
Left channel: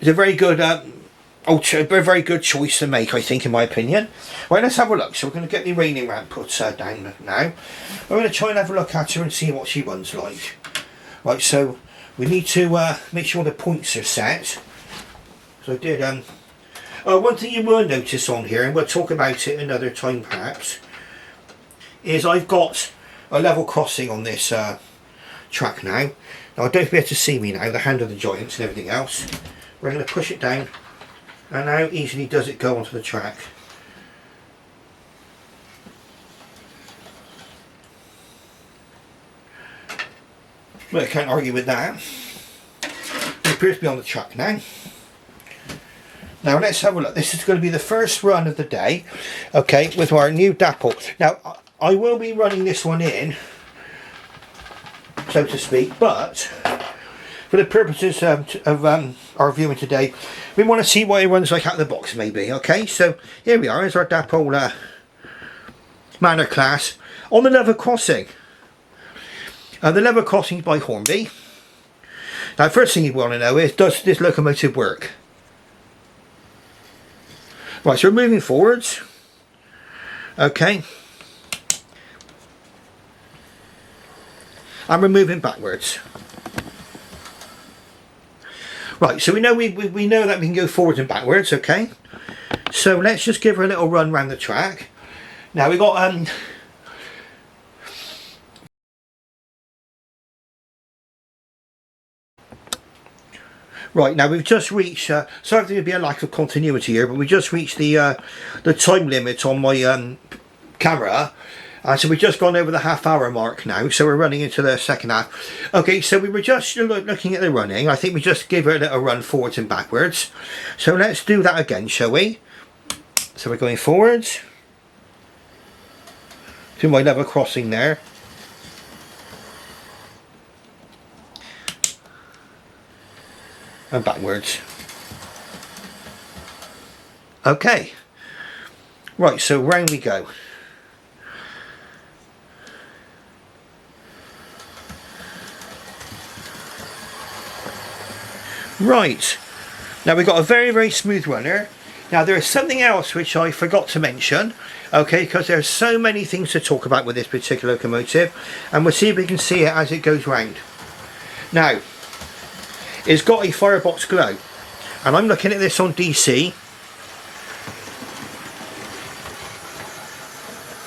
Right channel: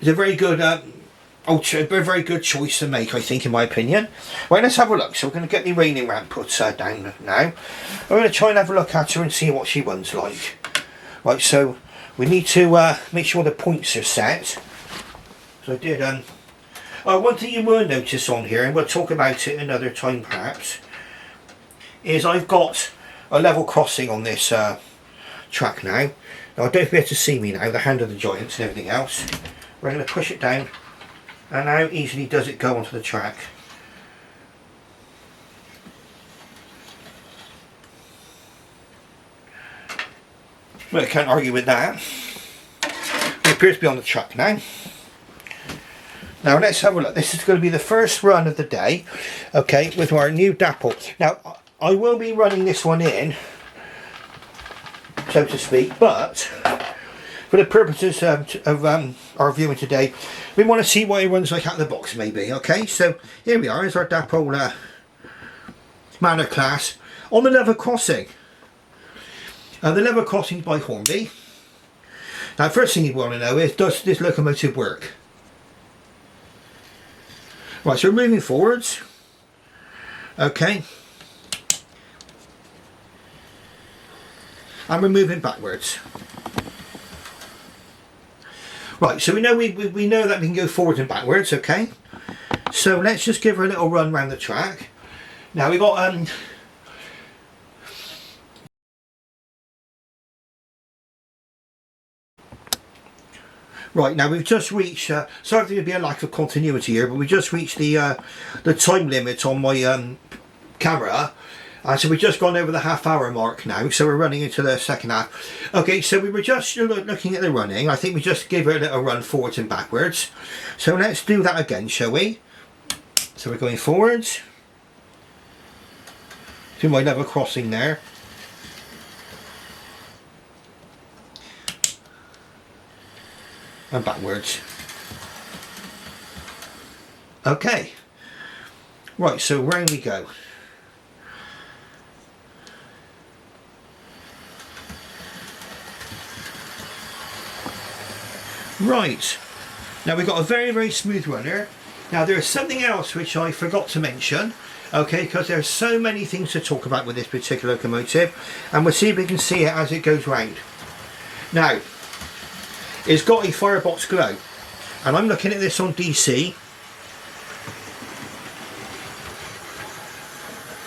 it's a very good very good choice to make, I think, in my opinion. Right, let's have a look. So we're going to get the railing ramp put down now. We're going to try and have a look at her and see what she runs like. Right, so we need to make sure the points are set. So I did, one thing you will notice on here, and we'll talk about it another time perhaps, is I've got a level crossing on this track now. Now I don't be able to see me now, the hand of the joints and everything else. We're going to push it down, and how easily does it go onto the track? Well, I can't argue with that. It appears to be on the track now. Now let's have a look. This is going to be the first run of the day, okay, with our new Dapol. Now I will be running this one in, so to speak, but for the purposes of our viewing today, we want to see what it runs like out of the box, maybe. Okay, so here we are. Here's our Dapol Manor class on the level crossing. The level crossing by Hornby. Now, first thing you want to know is, does this locomotive work? Right, so we're moving forwards. Okay. And we're moving backwards. Right, so we know we know that we can go forwards and backwards, okay? So let's just give her a little run around the track. Now we've got Right, now we've just reached, sorry to be a lack of continuity here, but we just reached the time limit on my camera. So we've just gone over the half-hour mark now, so we're running into the second half. Okay, so we were just looking at the running. I think we just give it a little run forwards and backwards. So let's do that again, shall we? So we're going forwards. Do my level crossing there. And backwards. Okay. Right, so round we go. Right. Now we've got a very, very smooth runner. Now there's something else which I forgot to mention. Okay, because there's so many things to talk about with this particular locomotive. And we'll see if we can see it as it goes round. Now, it's got a Firebox Glow, and I'm looking at this on DC.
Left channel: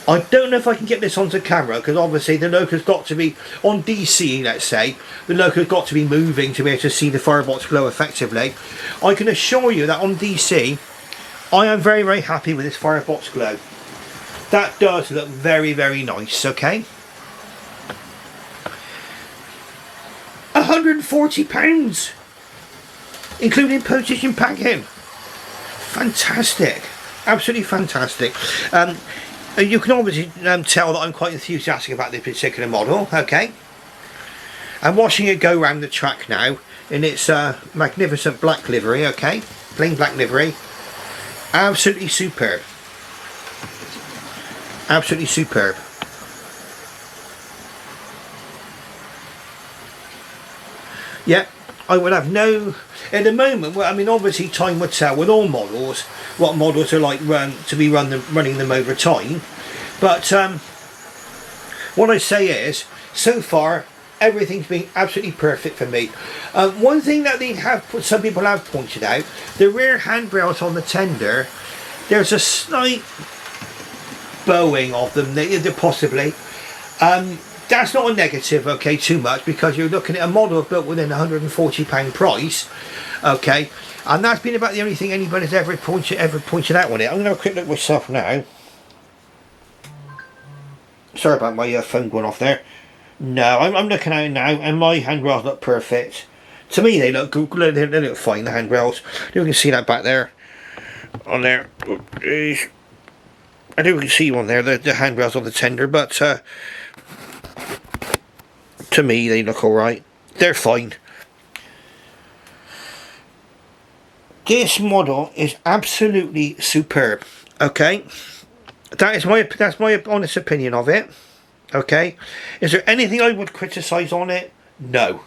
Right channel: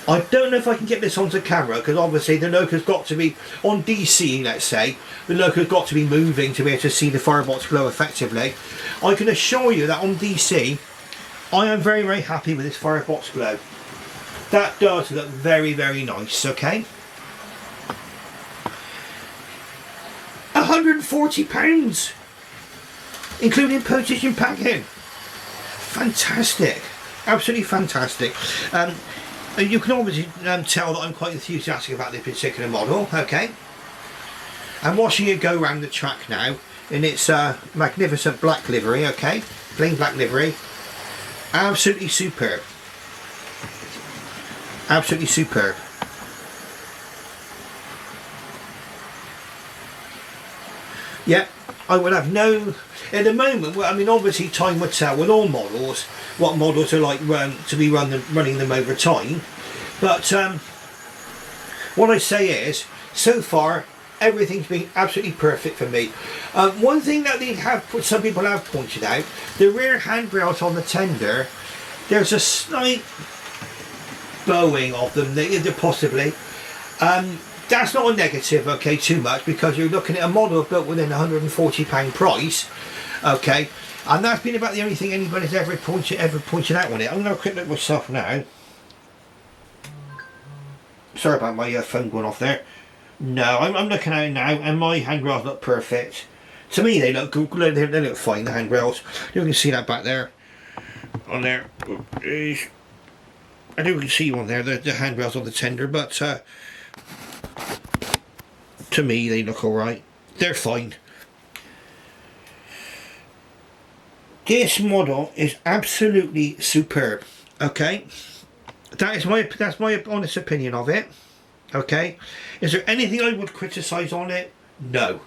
I don't know if I can get this onto camera, because obviously the loco's got to be on DC, let's say the loco's got to be moving to be able to see the Firebox Glow effectively. I can assure you that on DC I am very, very happy with this Firebox Glow. That does look very, very nice. Okay, £140, including postage and packing. Fantastic, absolutely fantastic. You can obviously tell that I'm quite enthusiastic about this particular model. Okay, I'm watching it go around the track now in its magnificent black livery. Okay, plain black livery, absolutely superb, absolutely superb. Yeah, I would have no, at the moment, well, I mean obviously time would tell with all models what models are like running them over time, but what I say is, so far everything's been absolutely perfect for me. One thing that some people have pointed out, the rear handrails on the tender, there's a slight bowing of them, possibly. That's not a negative, okay, too much, because you're looking at a model built within £140 price, okay, and that's been about the only thing anybody's ever pointed out on it. I'm going to have a quick look myself now. Sorry about my phone going off there. No, I'm looking at it now, and my handrails look perfect. To me, they look good. They look fine, the handrails. You can see that back there. On there. I do see one there, the handrails on the tender, but to me, they look alright. They're fine. This model is absolutely superb. Okay, that's my honest opinion of it. Okay, is there anything I would criticise on it? No,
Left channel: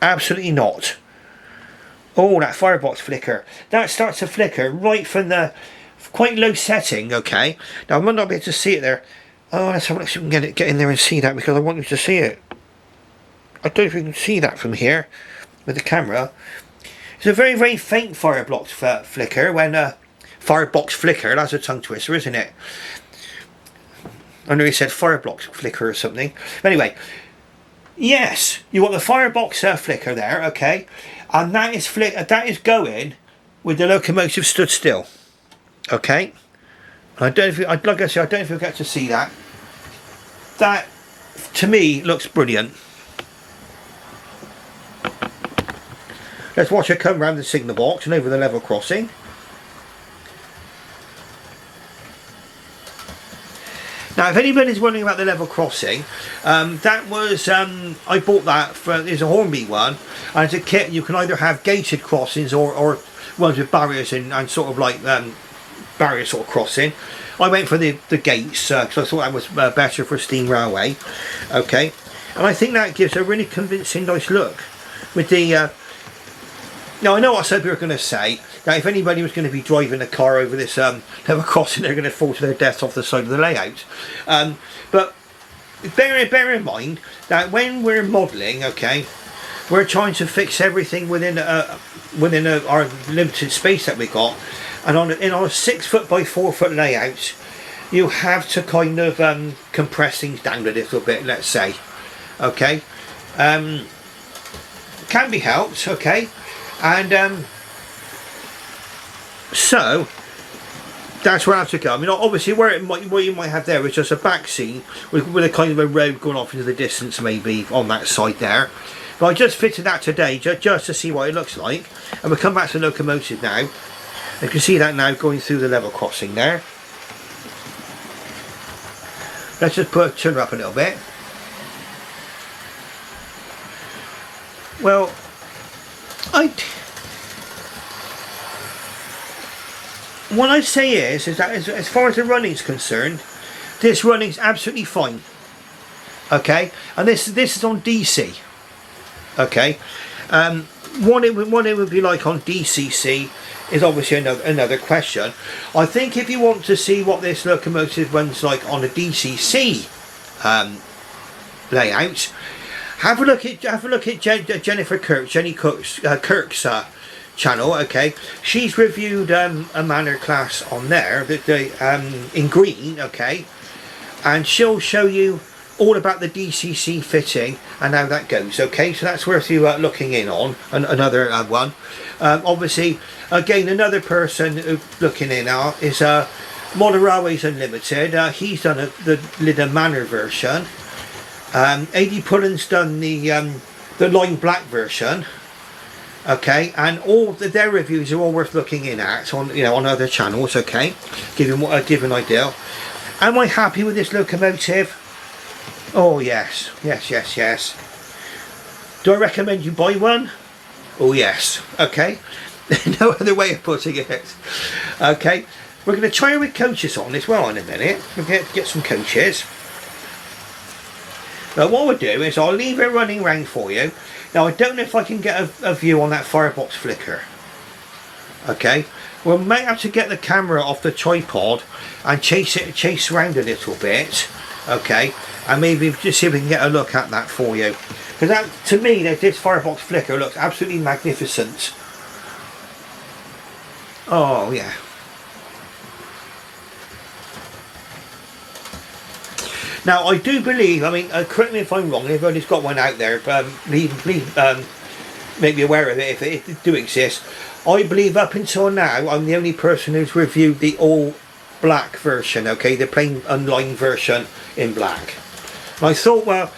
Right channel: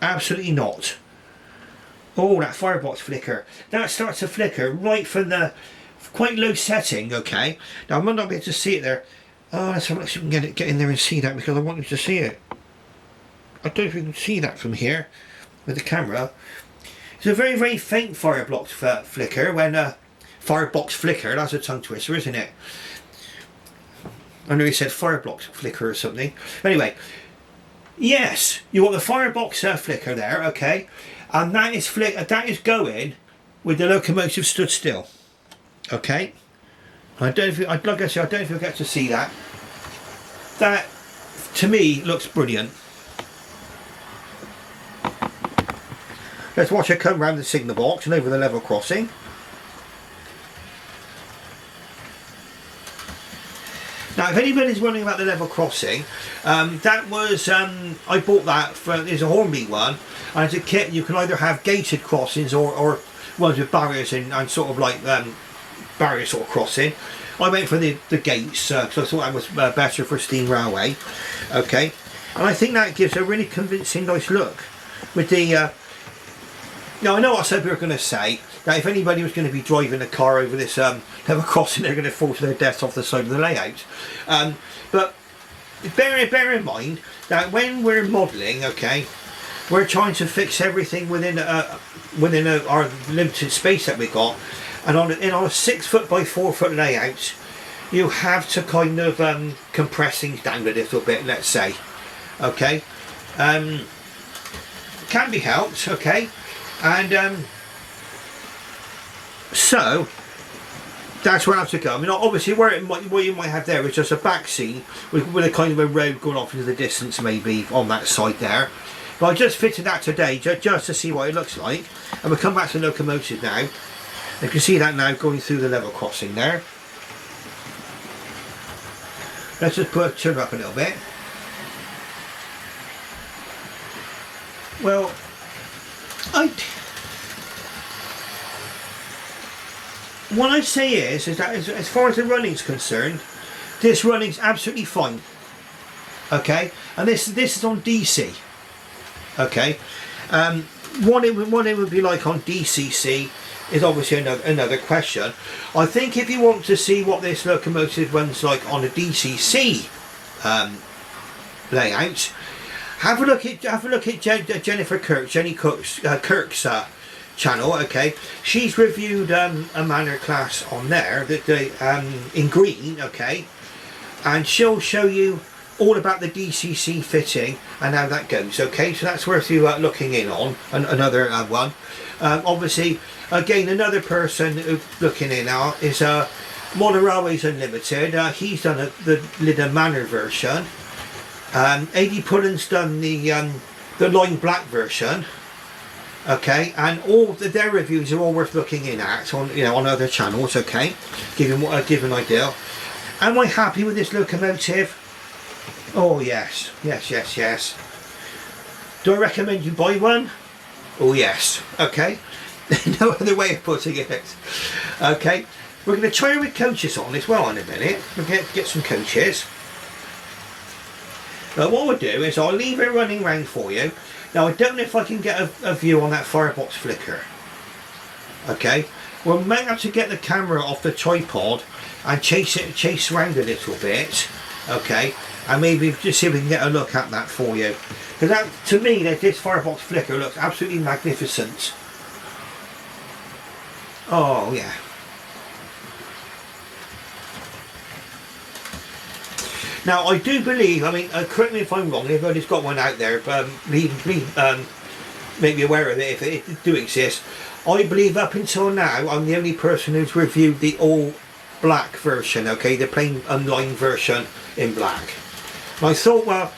absolutely not. Oh, that firebox flicker. That starts to flicker right from the quite low setting. Okay, now I might not be able to see it there. Oh, let's have a look if we can get in there and see that, because I want you to see it. I don't know if you can see that from here with the camera. It's a very, very faint firebox flicker. Firebox flicker, that's a tongue twister, isn't it? I know you said firebox flicker or something. Anyway, yes, you want the firebox flicker there, okay, and that is going with the locomotive stood still, okay. I don't know if like I said, I don't know if you'll get to see that. That to me looks brilliant. Let's watch it come round the signal box and over the level crossing. Now, if anybody's wondering about the level crossing, that was, I bought that, it's a Hornby one, and as a kit you can either have gated crossings or ones with barriers in, and sort of like barrier sort of crossing. I went for the gates, because I thought that was better for steam railway, okay, and I think that gives a really convincing nice look with the now I know what some people are going to say, that if anybody was going to be driving a car over this level crossing, they're going to fall to their deaths off the side of the layout. But bear in mind that when we're modelling, okay, we're trying to fix everything within our limited space that we've got, and on a 6 foot by 4 foot layout, you have to kind of compress things down a little bit, let's say, okay. Can be helped, okay. And so that's where I have to go. I mean, obviously, what you might have there is just a back seat with a kind of a road going off into the distance, maybe on that side there. But I just fitted that today just to see what it looks like. And we'll come back to the Locomotive now. You can see that now going through the level crossing there. Let's just turn her up a little bit. Well, what I'd say is that as far as the running's concerned, this running's absolutely fine. Okay, and this is on DC. Okay, what it would be like on DCC is obviously another question. I think if you want to see what this Locomotive runs like on a DCC layout, have a look at Jennifer Kirk, Jenny Kirk's channel. Okay, she's reviewed a Manor class on there that in green. Okay, and she'll show you all about the DCC fitting and how that goes. Okay, so that's worth you looking in on. Another one. Obviously, again, another person looking in is Modern Railways Unlimited. He's done the Lytham Manor version. AD Pullen's done the Lime Black version. Okay, and all their reviews are all worth looking in at on on other channels. Okay, give an idea. Am I happy with this Locomotive? Oh yes, yes. Do I recommend you buy one? Oh yes. Okay. No other way of putting it. Okay, we're going to try with coaches on as well in a minute. We're going to get some coaches. Now what we'll do is I'll leave it running round for you. Now I don't know if I can get a view on that firebox flicker. Okay, we may have to get the camera off the tripod and chase around a little bit. Okay, and maybe just see if we can get a look at that for you. Because that, to me, this firebox flicker looks absolutely magnificent. Oh yeah. Now I do believe, I mean, correct me if I'm wrong, everybody's got one out there, please make me aware of it if it do exist. I believe up until now I'm the only person who's reviewed the all black version, okay, the plain unlined version in black. And I thought, well,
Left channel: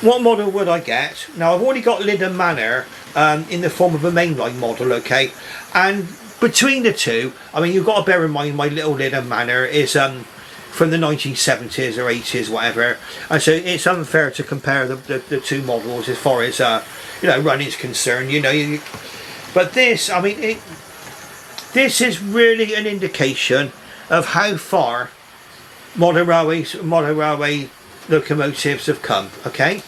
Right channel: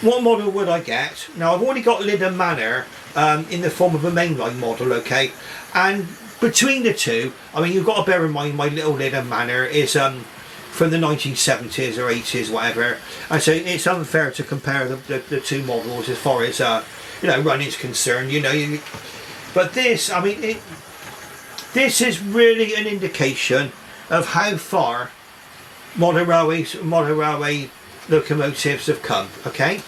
what model would I get? Now I've already got Lytham Manor in the form of a mainline model, okay, and between the two, I mean, you've got to bear in mind my little Lytham Manor is from the 1970s or 80s, whatever, and so it's unfair to compare the two models as far as running's concerned. But this, I mean, this is really an indication of how far modern railway locomotives have come. Okay,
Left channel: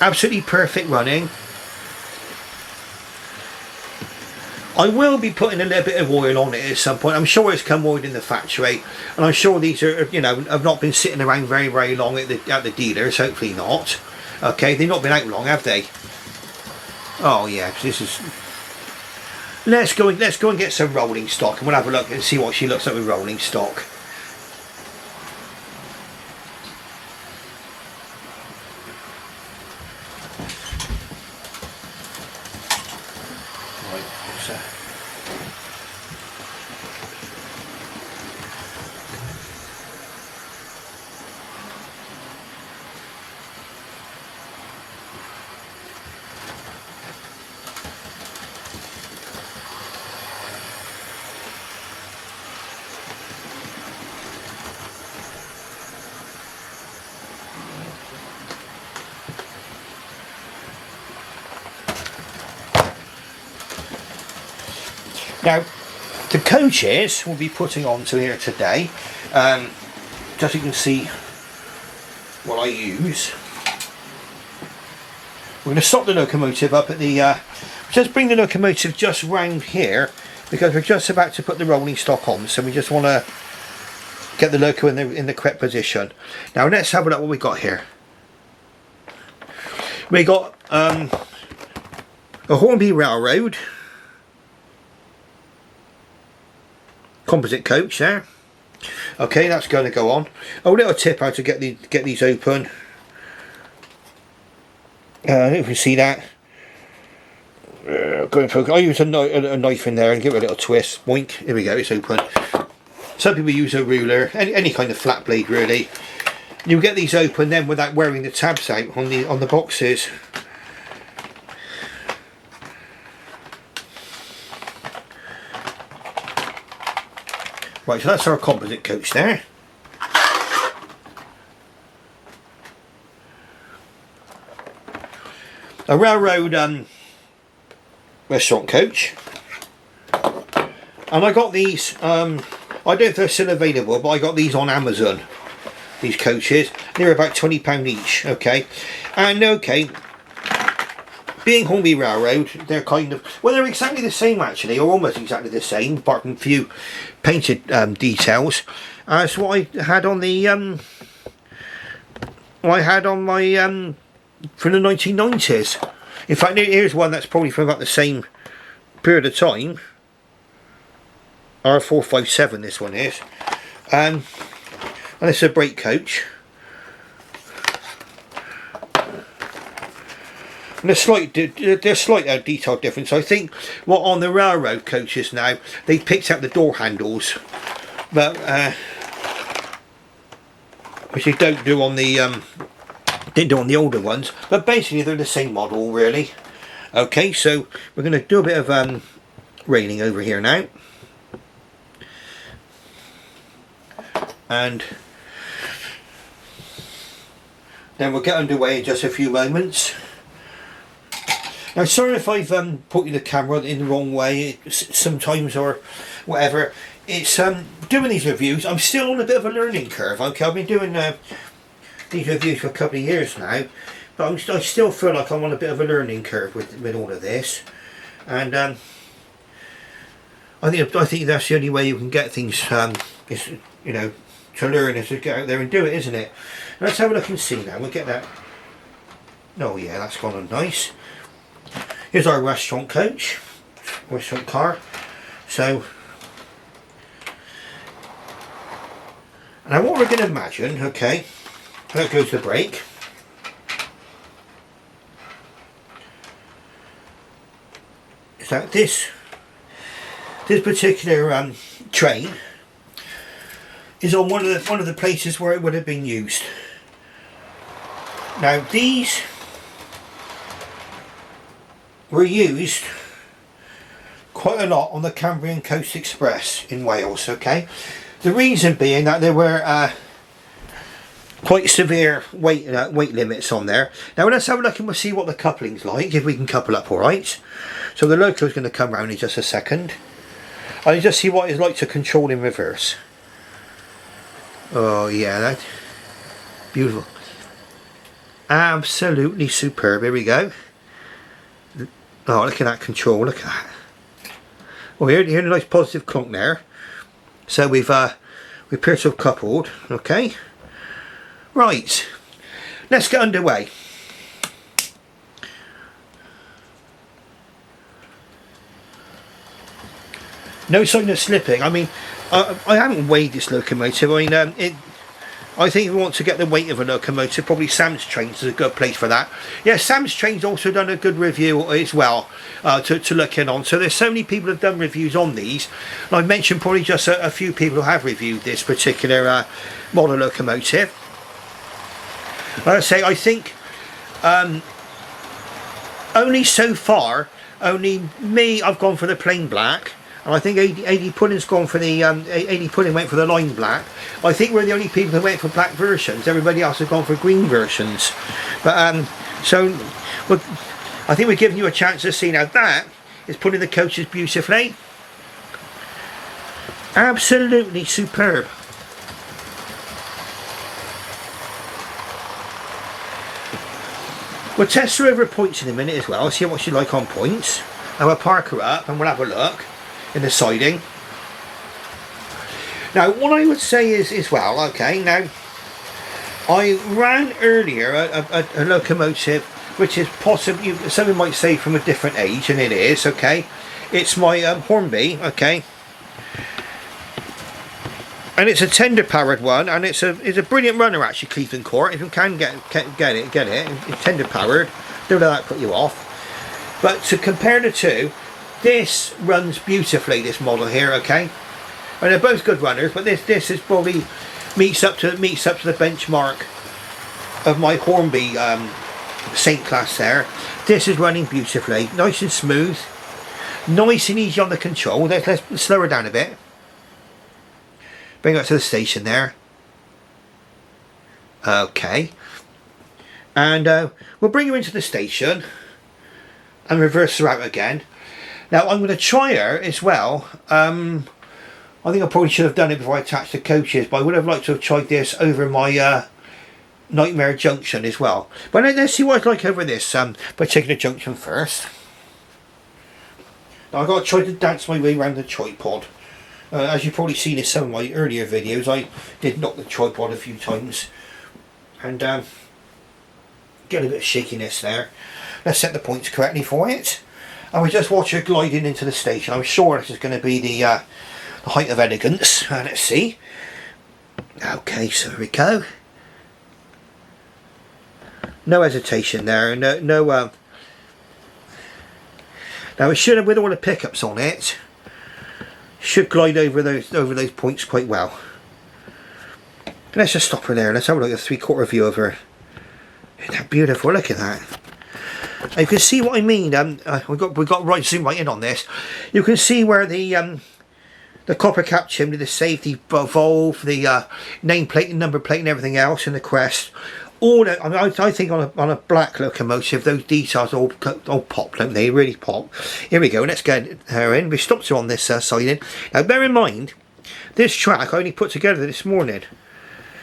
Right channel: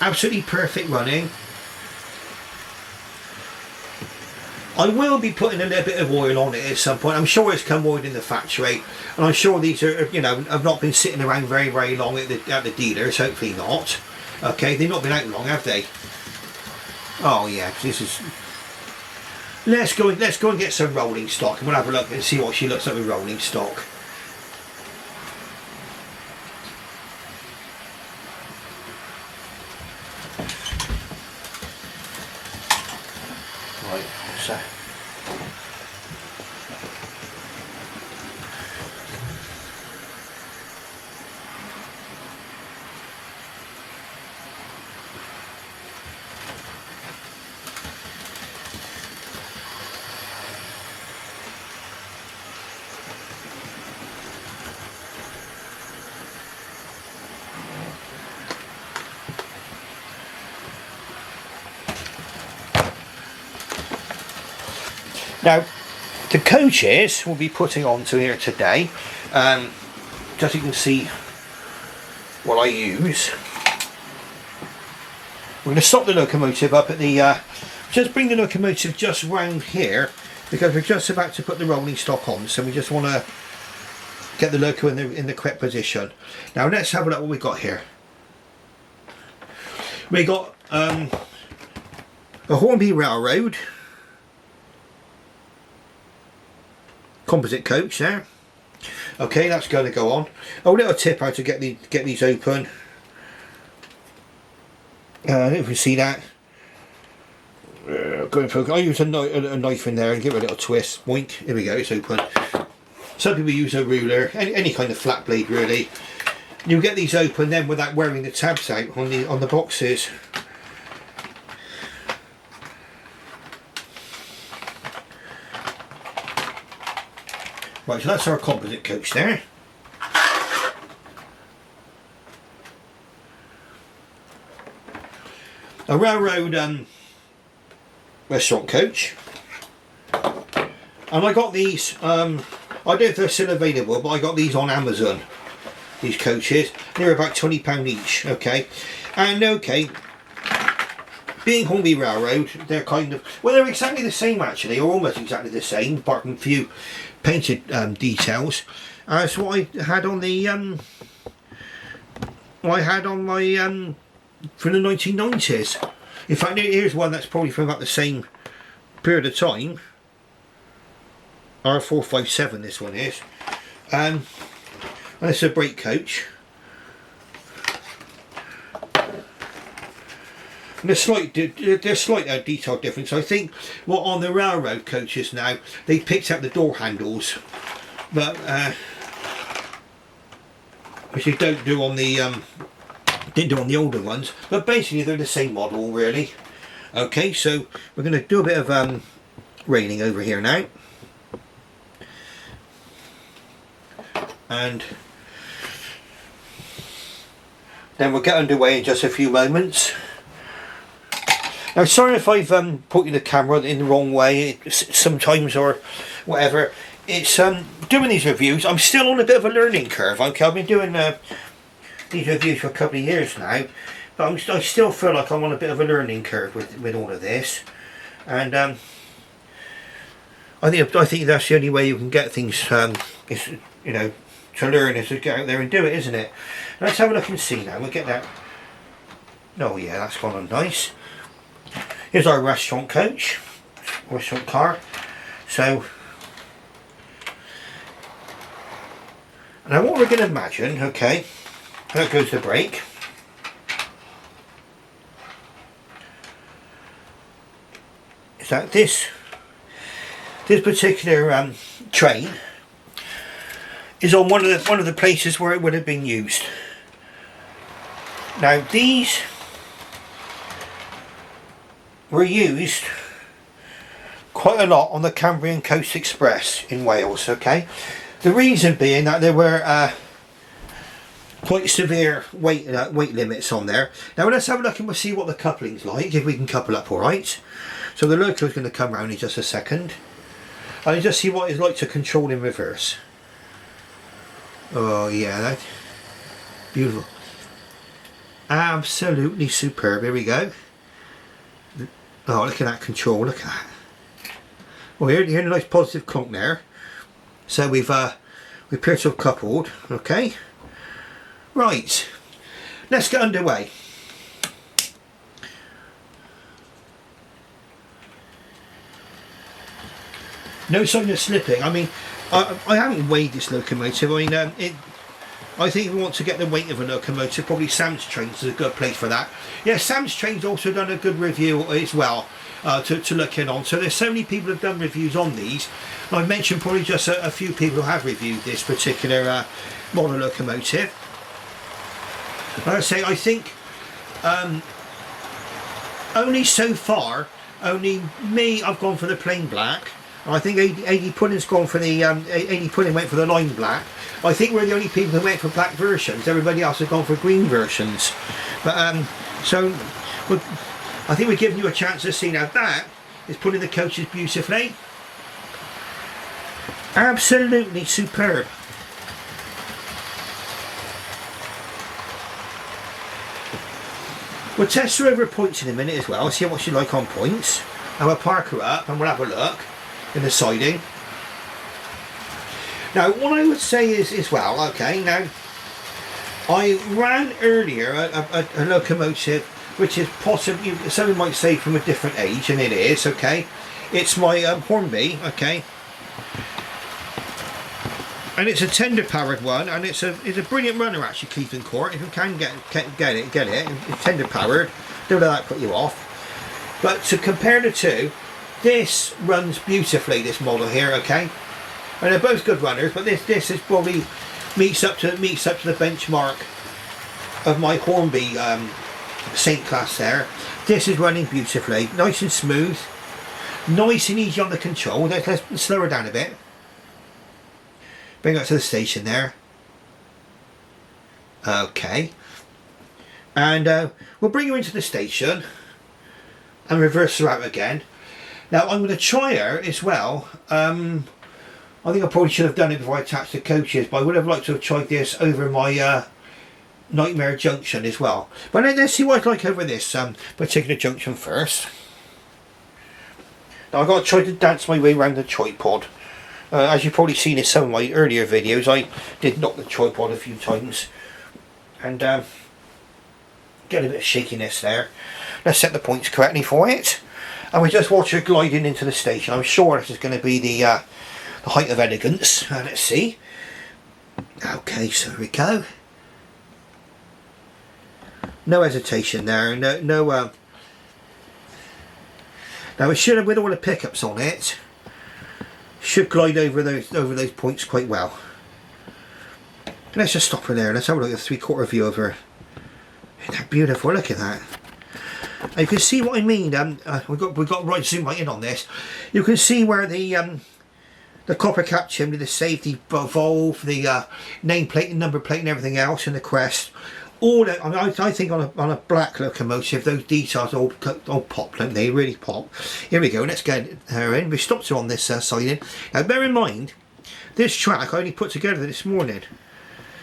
absolutely perfect running. I will be putting a little bit of oil on it at some point. I'm sure it's come oiled in the factory, and I'm sure these are, have not been sitting around very, very long at the dealers. Hopefully not. Okay, they've not been out long, have they? Oh yeah, this is. Let's go and get some rolling stock, and we'll have a look and see what she looks like with rolling stock. Right, what's that? Now, the coaches we'll be putting onto here today, just so you can see what I use. We're going to stop the locomotive up at the, just bring the locomotive just round here, because we're just about to put the rolling stock on, so we just want to get the loco in the correct position. Now let's have a look what we got here. We got a Hornby Railroad composite coach there. Okay, that's going to go on. A little tip how to get these open. If you see that, I use a knife in there and give it a little twist. Boink. Here we go. It's open. Some people use a ruler, any kind of flat blade really. You get these open then without wearing the tabs out on the boxes. Right, so that's our composite coach there. A railroad restaurant coach. And I got these, I don't know if they're still available, but I got these on Amazon. These coaches. They're about £20 each, okay. And okay, being Hornby Railroad, they're kind of, well, they're exactly the same actually, or almost exactly the same, apart from a few painted details as what I had on the from the 1990s. In fact, here's one that's probably from about the same period of time. R457 this one is, and it's a brake coach. And there's slight detail difference. I think what on the railroad coaches now, they picked up the door handles, but which you don't do on the didn't do on the older ones. But basically they're the same model really. Okay, so we're going to do a bit of railing over here now, and then we'll get underway in just a few moments. Now, sorry if I've put the camera in the wrong way sometimes or whatever. It's doing these reviews, I'm still on a bit of a learning curve. Okay, I've been doing these reviews for a couple of years now, but I still feel like I'm on a bit of a learning curve with all of this. And I think that's the only way you can get things, is, you know, to learn, is to get out there and do it, isn't it? Let's have a look and see now. We'll get that. Oh yeah, that's gone on nice. Here's our restaurant coach, restaurant car. So, now what we're going to imagine, okay, that goes the brake. Is that this particular train is on one of the places where it would have been used. Now these were used quite a lot on the Cambrian Coast Express in Wales, okay? The reason being that there were quite severe weight limits on there. Now let's have a look and we'll see what the coupling's like, if we can couple up alright. So the loco's going to come round in just a second. I'll just see what it's like to control in reverse. Oh yeah, that beautiful. Absolutely superb. Here we go. Oh, look at that control, look at that. Well, here's a nice positive clunk there. So we appear to have coupled, okay. Right, let's get underway. No sign of slipping. I mean, I haven't weighed this locomotive. I mean, I think if we want to get the weight of a locomotive, probably Sam's Trains is a good place for that. Yeah, Sam's Trains also done a good review as well to look in on. So there's so many people who have done reviews on these. And I've mentioned probably just a few people who have reviewed this particular model locomotive. Like I say, I think only so far, only me, I've gone for the plain black. And I think 80 Pudding's gone for the 80 Pudding went for the lime black. I think we're the only people who went for black versions. Everybody else has gone for green versions. But so well, I think we're giving you a chance to see. Now that is putting the coaches beautifully. Absolutely superb. We'll test her over points in a minute as well, see what she's like on points. And we'll park her up and we'll have a look in the siding. Now what I would say is as well, okay, now I ran earlier a locomotive which is possibly, someone might say from a different age, and it is, okay. It's my Hornby, okay. And it's a tender powered one, and it's a brilliant runner actually, Cleveland Court. If you can get it. It's tender powered. Don't let that put you off. But to compare the two, this runs beautifully, this model here, okay? And they're both good runners, but this is probably meets up to the benchmark of my Hornby Saint class there. This is running beautifully, nice and smooth, nice and easy on the control. Let's slow her down a bit. Bring her to the station there. Okay. And we'll bring her into the station and reverse her out again. Now I'm going to try her as well. I think I probably should have done it before I attached the coaches, but I would have liked to have tried this over my Nightmare Junction as well. But let's see what it's like over this particular junction first. Now I've got to try to dance my way around the tripod. As you've probably seen in some of my earlier videos, I did knock the tripod a few times and get a bit of shakiness there. Let's set the points correctly for it, and we just watch her gliding into the station. I'm sure this is going to be the height of elegance. Let's see. Okay, so here we go. No hesitation there. No. Now we should have, with all the pickups on it, should glide over those points quite well. Let's just stop her there. Let's have a look at a 3/4 view of her. Isn't that beautiful? Look at that. You can see what I mean. We've got right zoom right in on this. You can see where the copper cap chimney, the safety valve, the nameplate and number plate and everything else, and the crest. All that, I think on a black locomotive, those details all pop, don't they? Really pop. Here we go. Let's get her in. We stopped her on this siding. Now, bear in mind, this track I only put together this morning.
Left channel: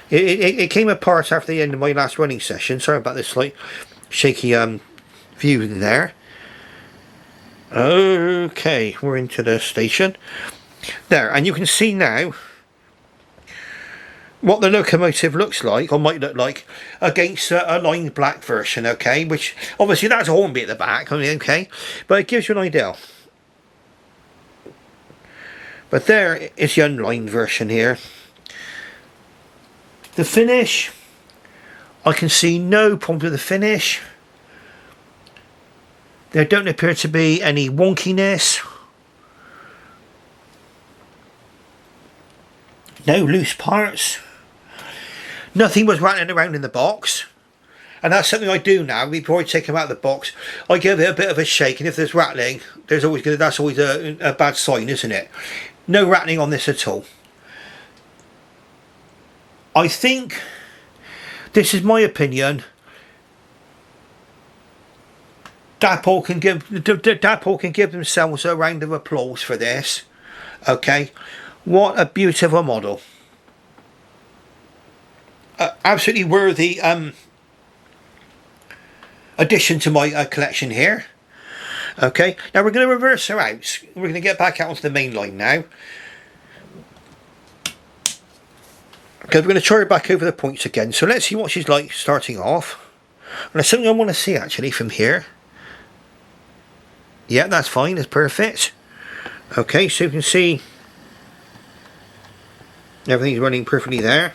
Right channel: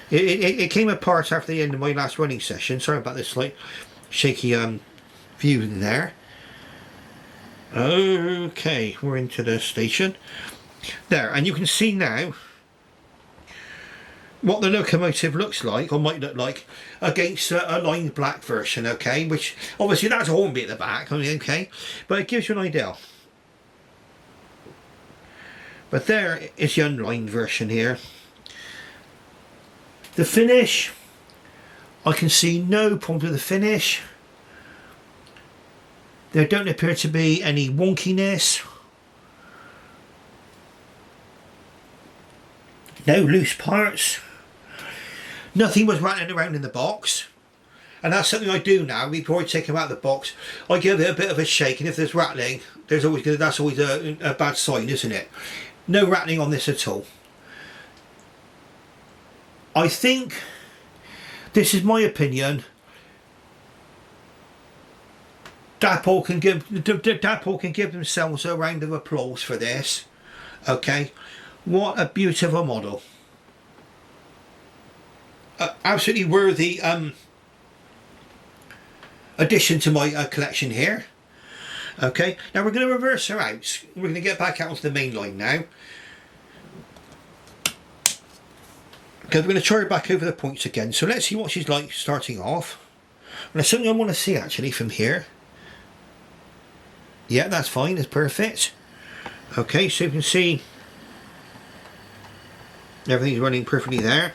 It came apart after the end of my last running session. Sorry about this slight shaky view in there. Okay, we're into the station there, and you can see now what the locomotive looks like, or might look like, against a lined black version, okay? Which, obviously, that's a Hornby at the back, okay? But it gives you an idea. But there is the unlined version here. The finish, I can see no problem with the finish. There don't appear to be any wonkiness. No loose parts. Nothing was rattling around in the box, and that's something I do now. Before I take them out of the box, I give it a bit of a shake, and if there's rattling, that's always a bad sign, isn't it? No rattling on this at all. I think, this is my opinion, Dapol can give themselves a round of applause for this. Okay, what a beautiful model. Absolutely worthy addition to my collection here. Okay, now we're going to reverse her out. We're going to get back out onto the main line now, because we're going to try her back over the points again. So let's see what she's like starting off. And there's something I want to see actually from here. Yeah, that's fine, that's perfect. Okay, so you can see everything's running perfectly there.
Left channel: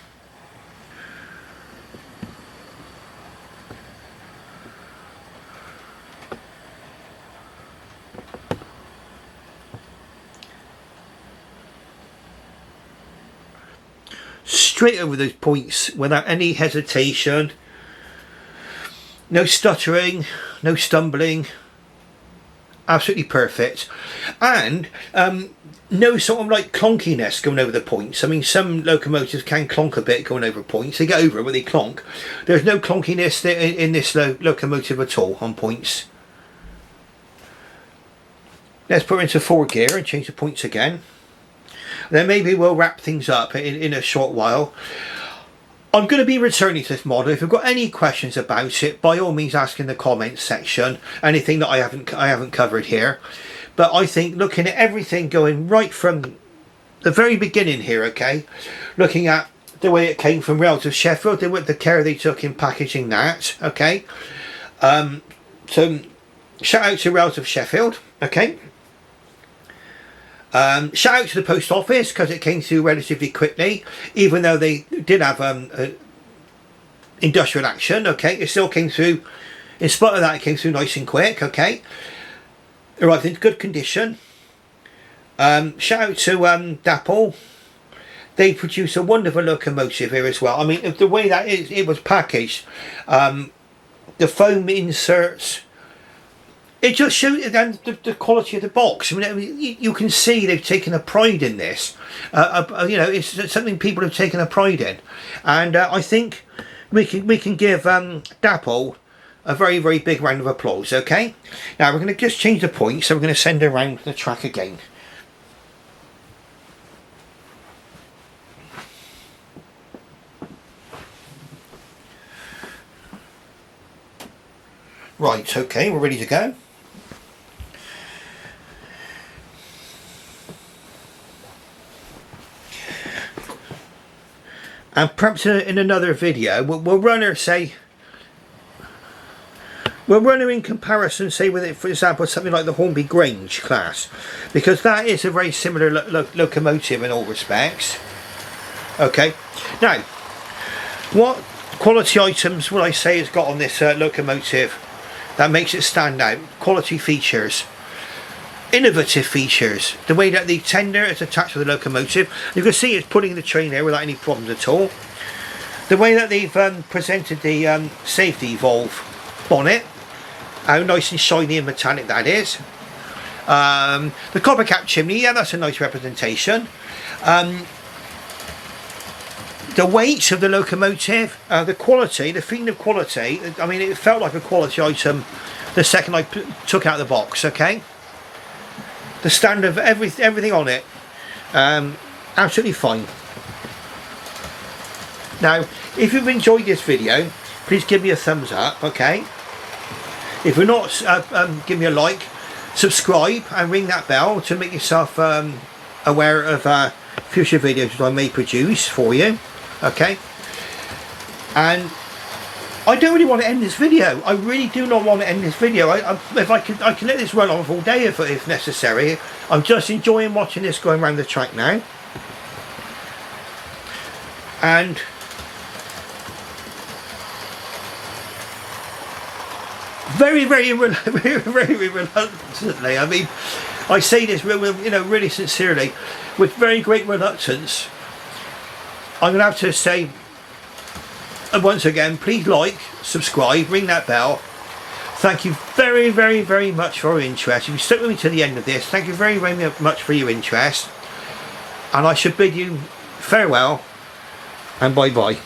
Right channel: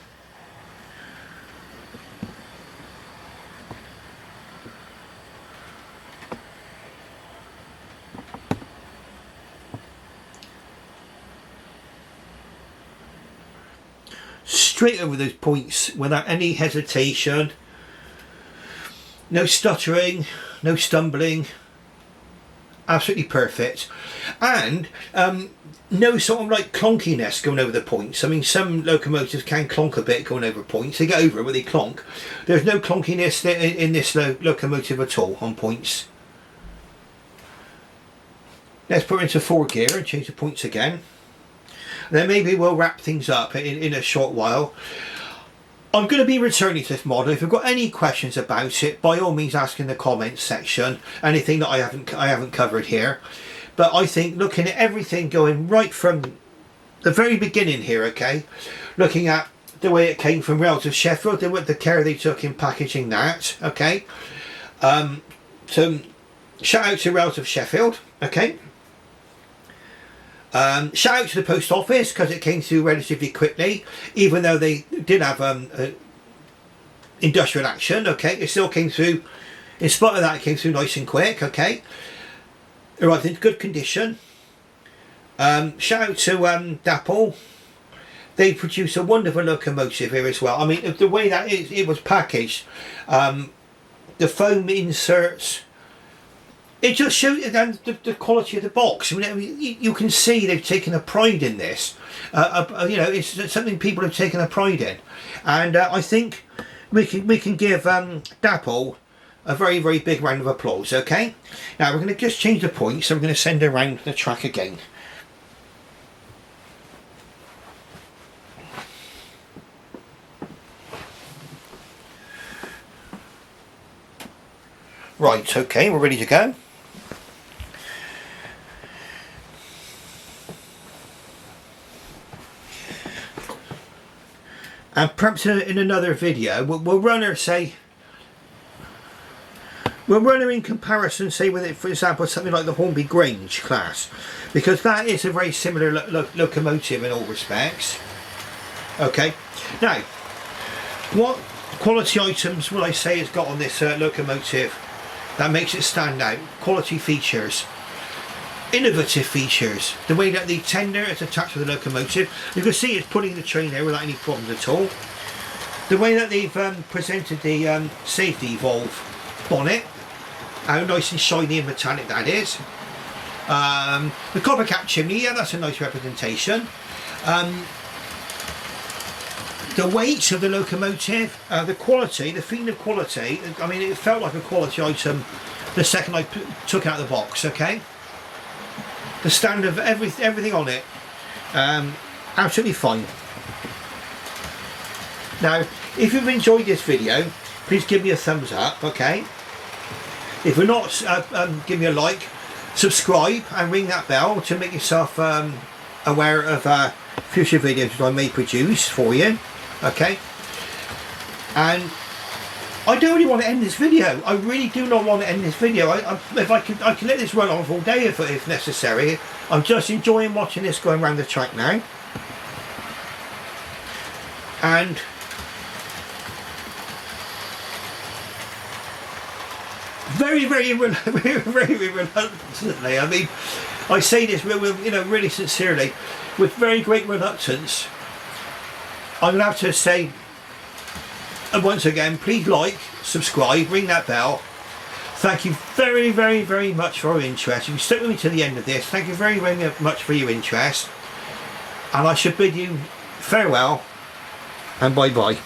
Straight over those points without any hesitation. No stuttering, no stumbling. Absolutely perfect. And no sort of like clonkiness going over the points. I mean, some locomotives can clonk a bit going over points. They get over it when they clonk. There's no clonkiness in this locomotive at all on points. Let's put her into 4 gear and change the points again. Then maybe we'll wrap things up in a short while. I'm going to be returning to this model. If you've got any questions about it, by all means ask in the comments section. Anything that I haven't covered here. But I think looking at everything going right from the very beginning here, okay, looking at the way it came from Rails of Sheffield, the care they took in packaging that, okay. So shout out to Rails of Sheffield, okay. Shout out to the post office, because it came through relatively quickly, even though they did have industrial action, okay. It still came through, in spite of that, it came through nice and quick, okay. Right, in good condition. Shout out to Dapol. They produce a wonderful locomotive here as well. I mean, the way that it was packaged, the foam inserts, it just shows the quality of the box. I mean, you can see they've taken a pride in this. You know, it's something people have taken a pride in, and I think we can give Dapol a very, very big round of applause. Okay, now we're going to just change the point, so we're going to send her around the track again. Right, okay, we're ready to go. And perhaps in another video, we'll run her, say, we'll run her in comparison, say, with it, for example, something like the Hornby Grange class, because that is a very similar locomotive in all respects. Okay, now, what quality items will I say it's got on this locomotive that makes it stand out? Quality features, innovative features, the way that the tender is attached to the locomotive. You can see it's putting the train there without any problems at all. The way that they've presented the safety valve bonnet, how nice and shiny and metallic that is. The copper cap chimney, yeah, that's a nice representation. The weight of the locomotive, the quality, the feeling of quality. I mean, it felt like a quality item the second I took out the box. Okay, the stand of everything on it, absolutely fine. Now, if you've enjoyed this video, please give me a thumbs up. Okay, if you're not, give me a like, subscribe, and ring that bell to make yourself aware of future videos that I may produce for you. Okay, and I don't really want to end this video. I really do not want to end this video. If I can let this run on all day if necessary. I'm just enjoying watching this going around the track now, and very reluctantly. I mean, I say this really sincerely, with very great reluctance. I'm going to have to say, and once again, please like, subscribe, ring that bell. Thank you very much for your interest. If you stuck with me to the end of this, thank you very much for your interest. And I should bid you farewell and bye bye.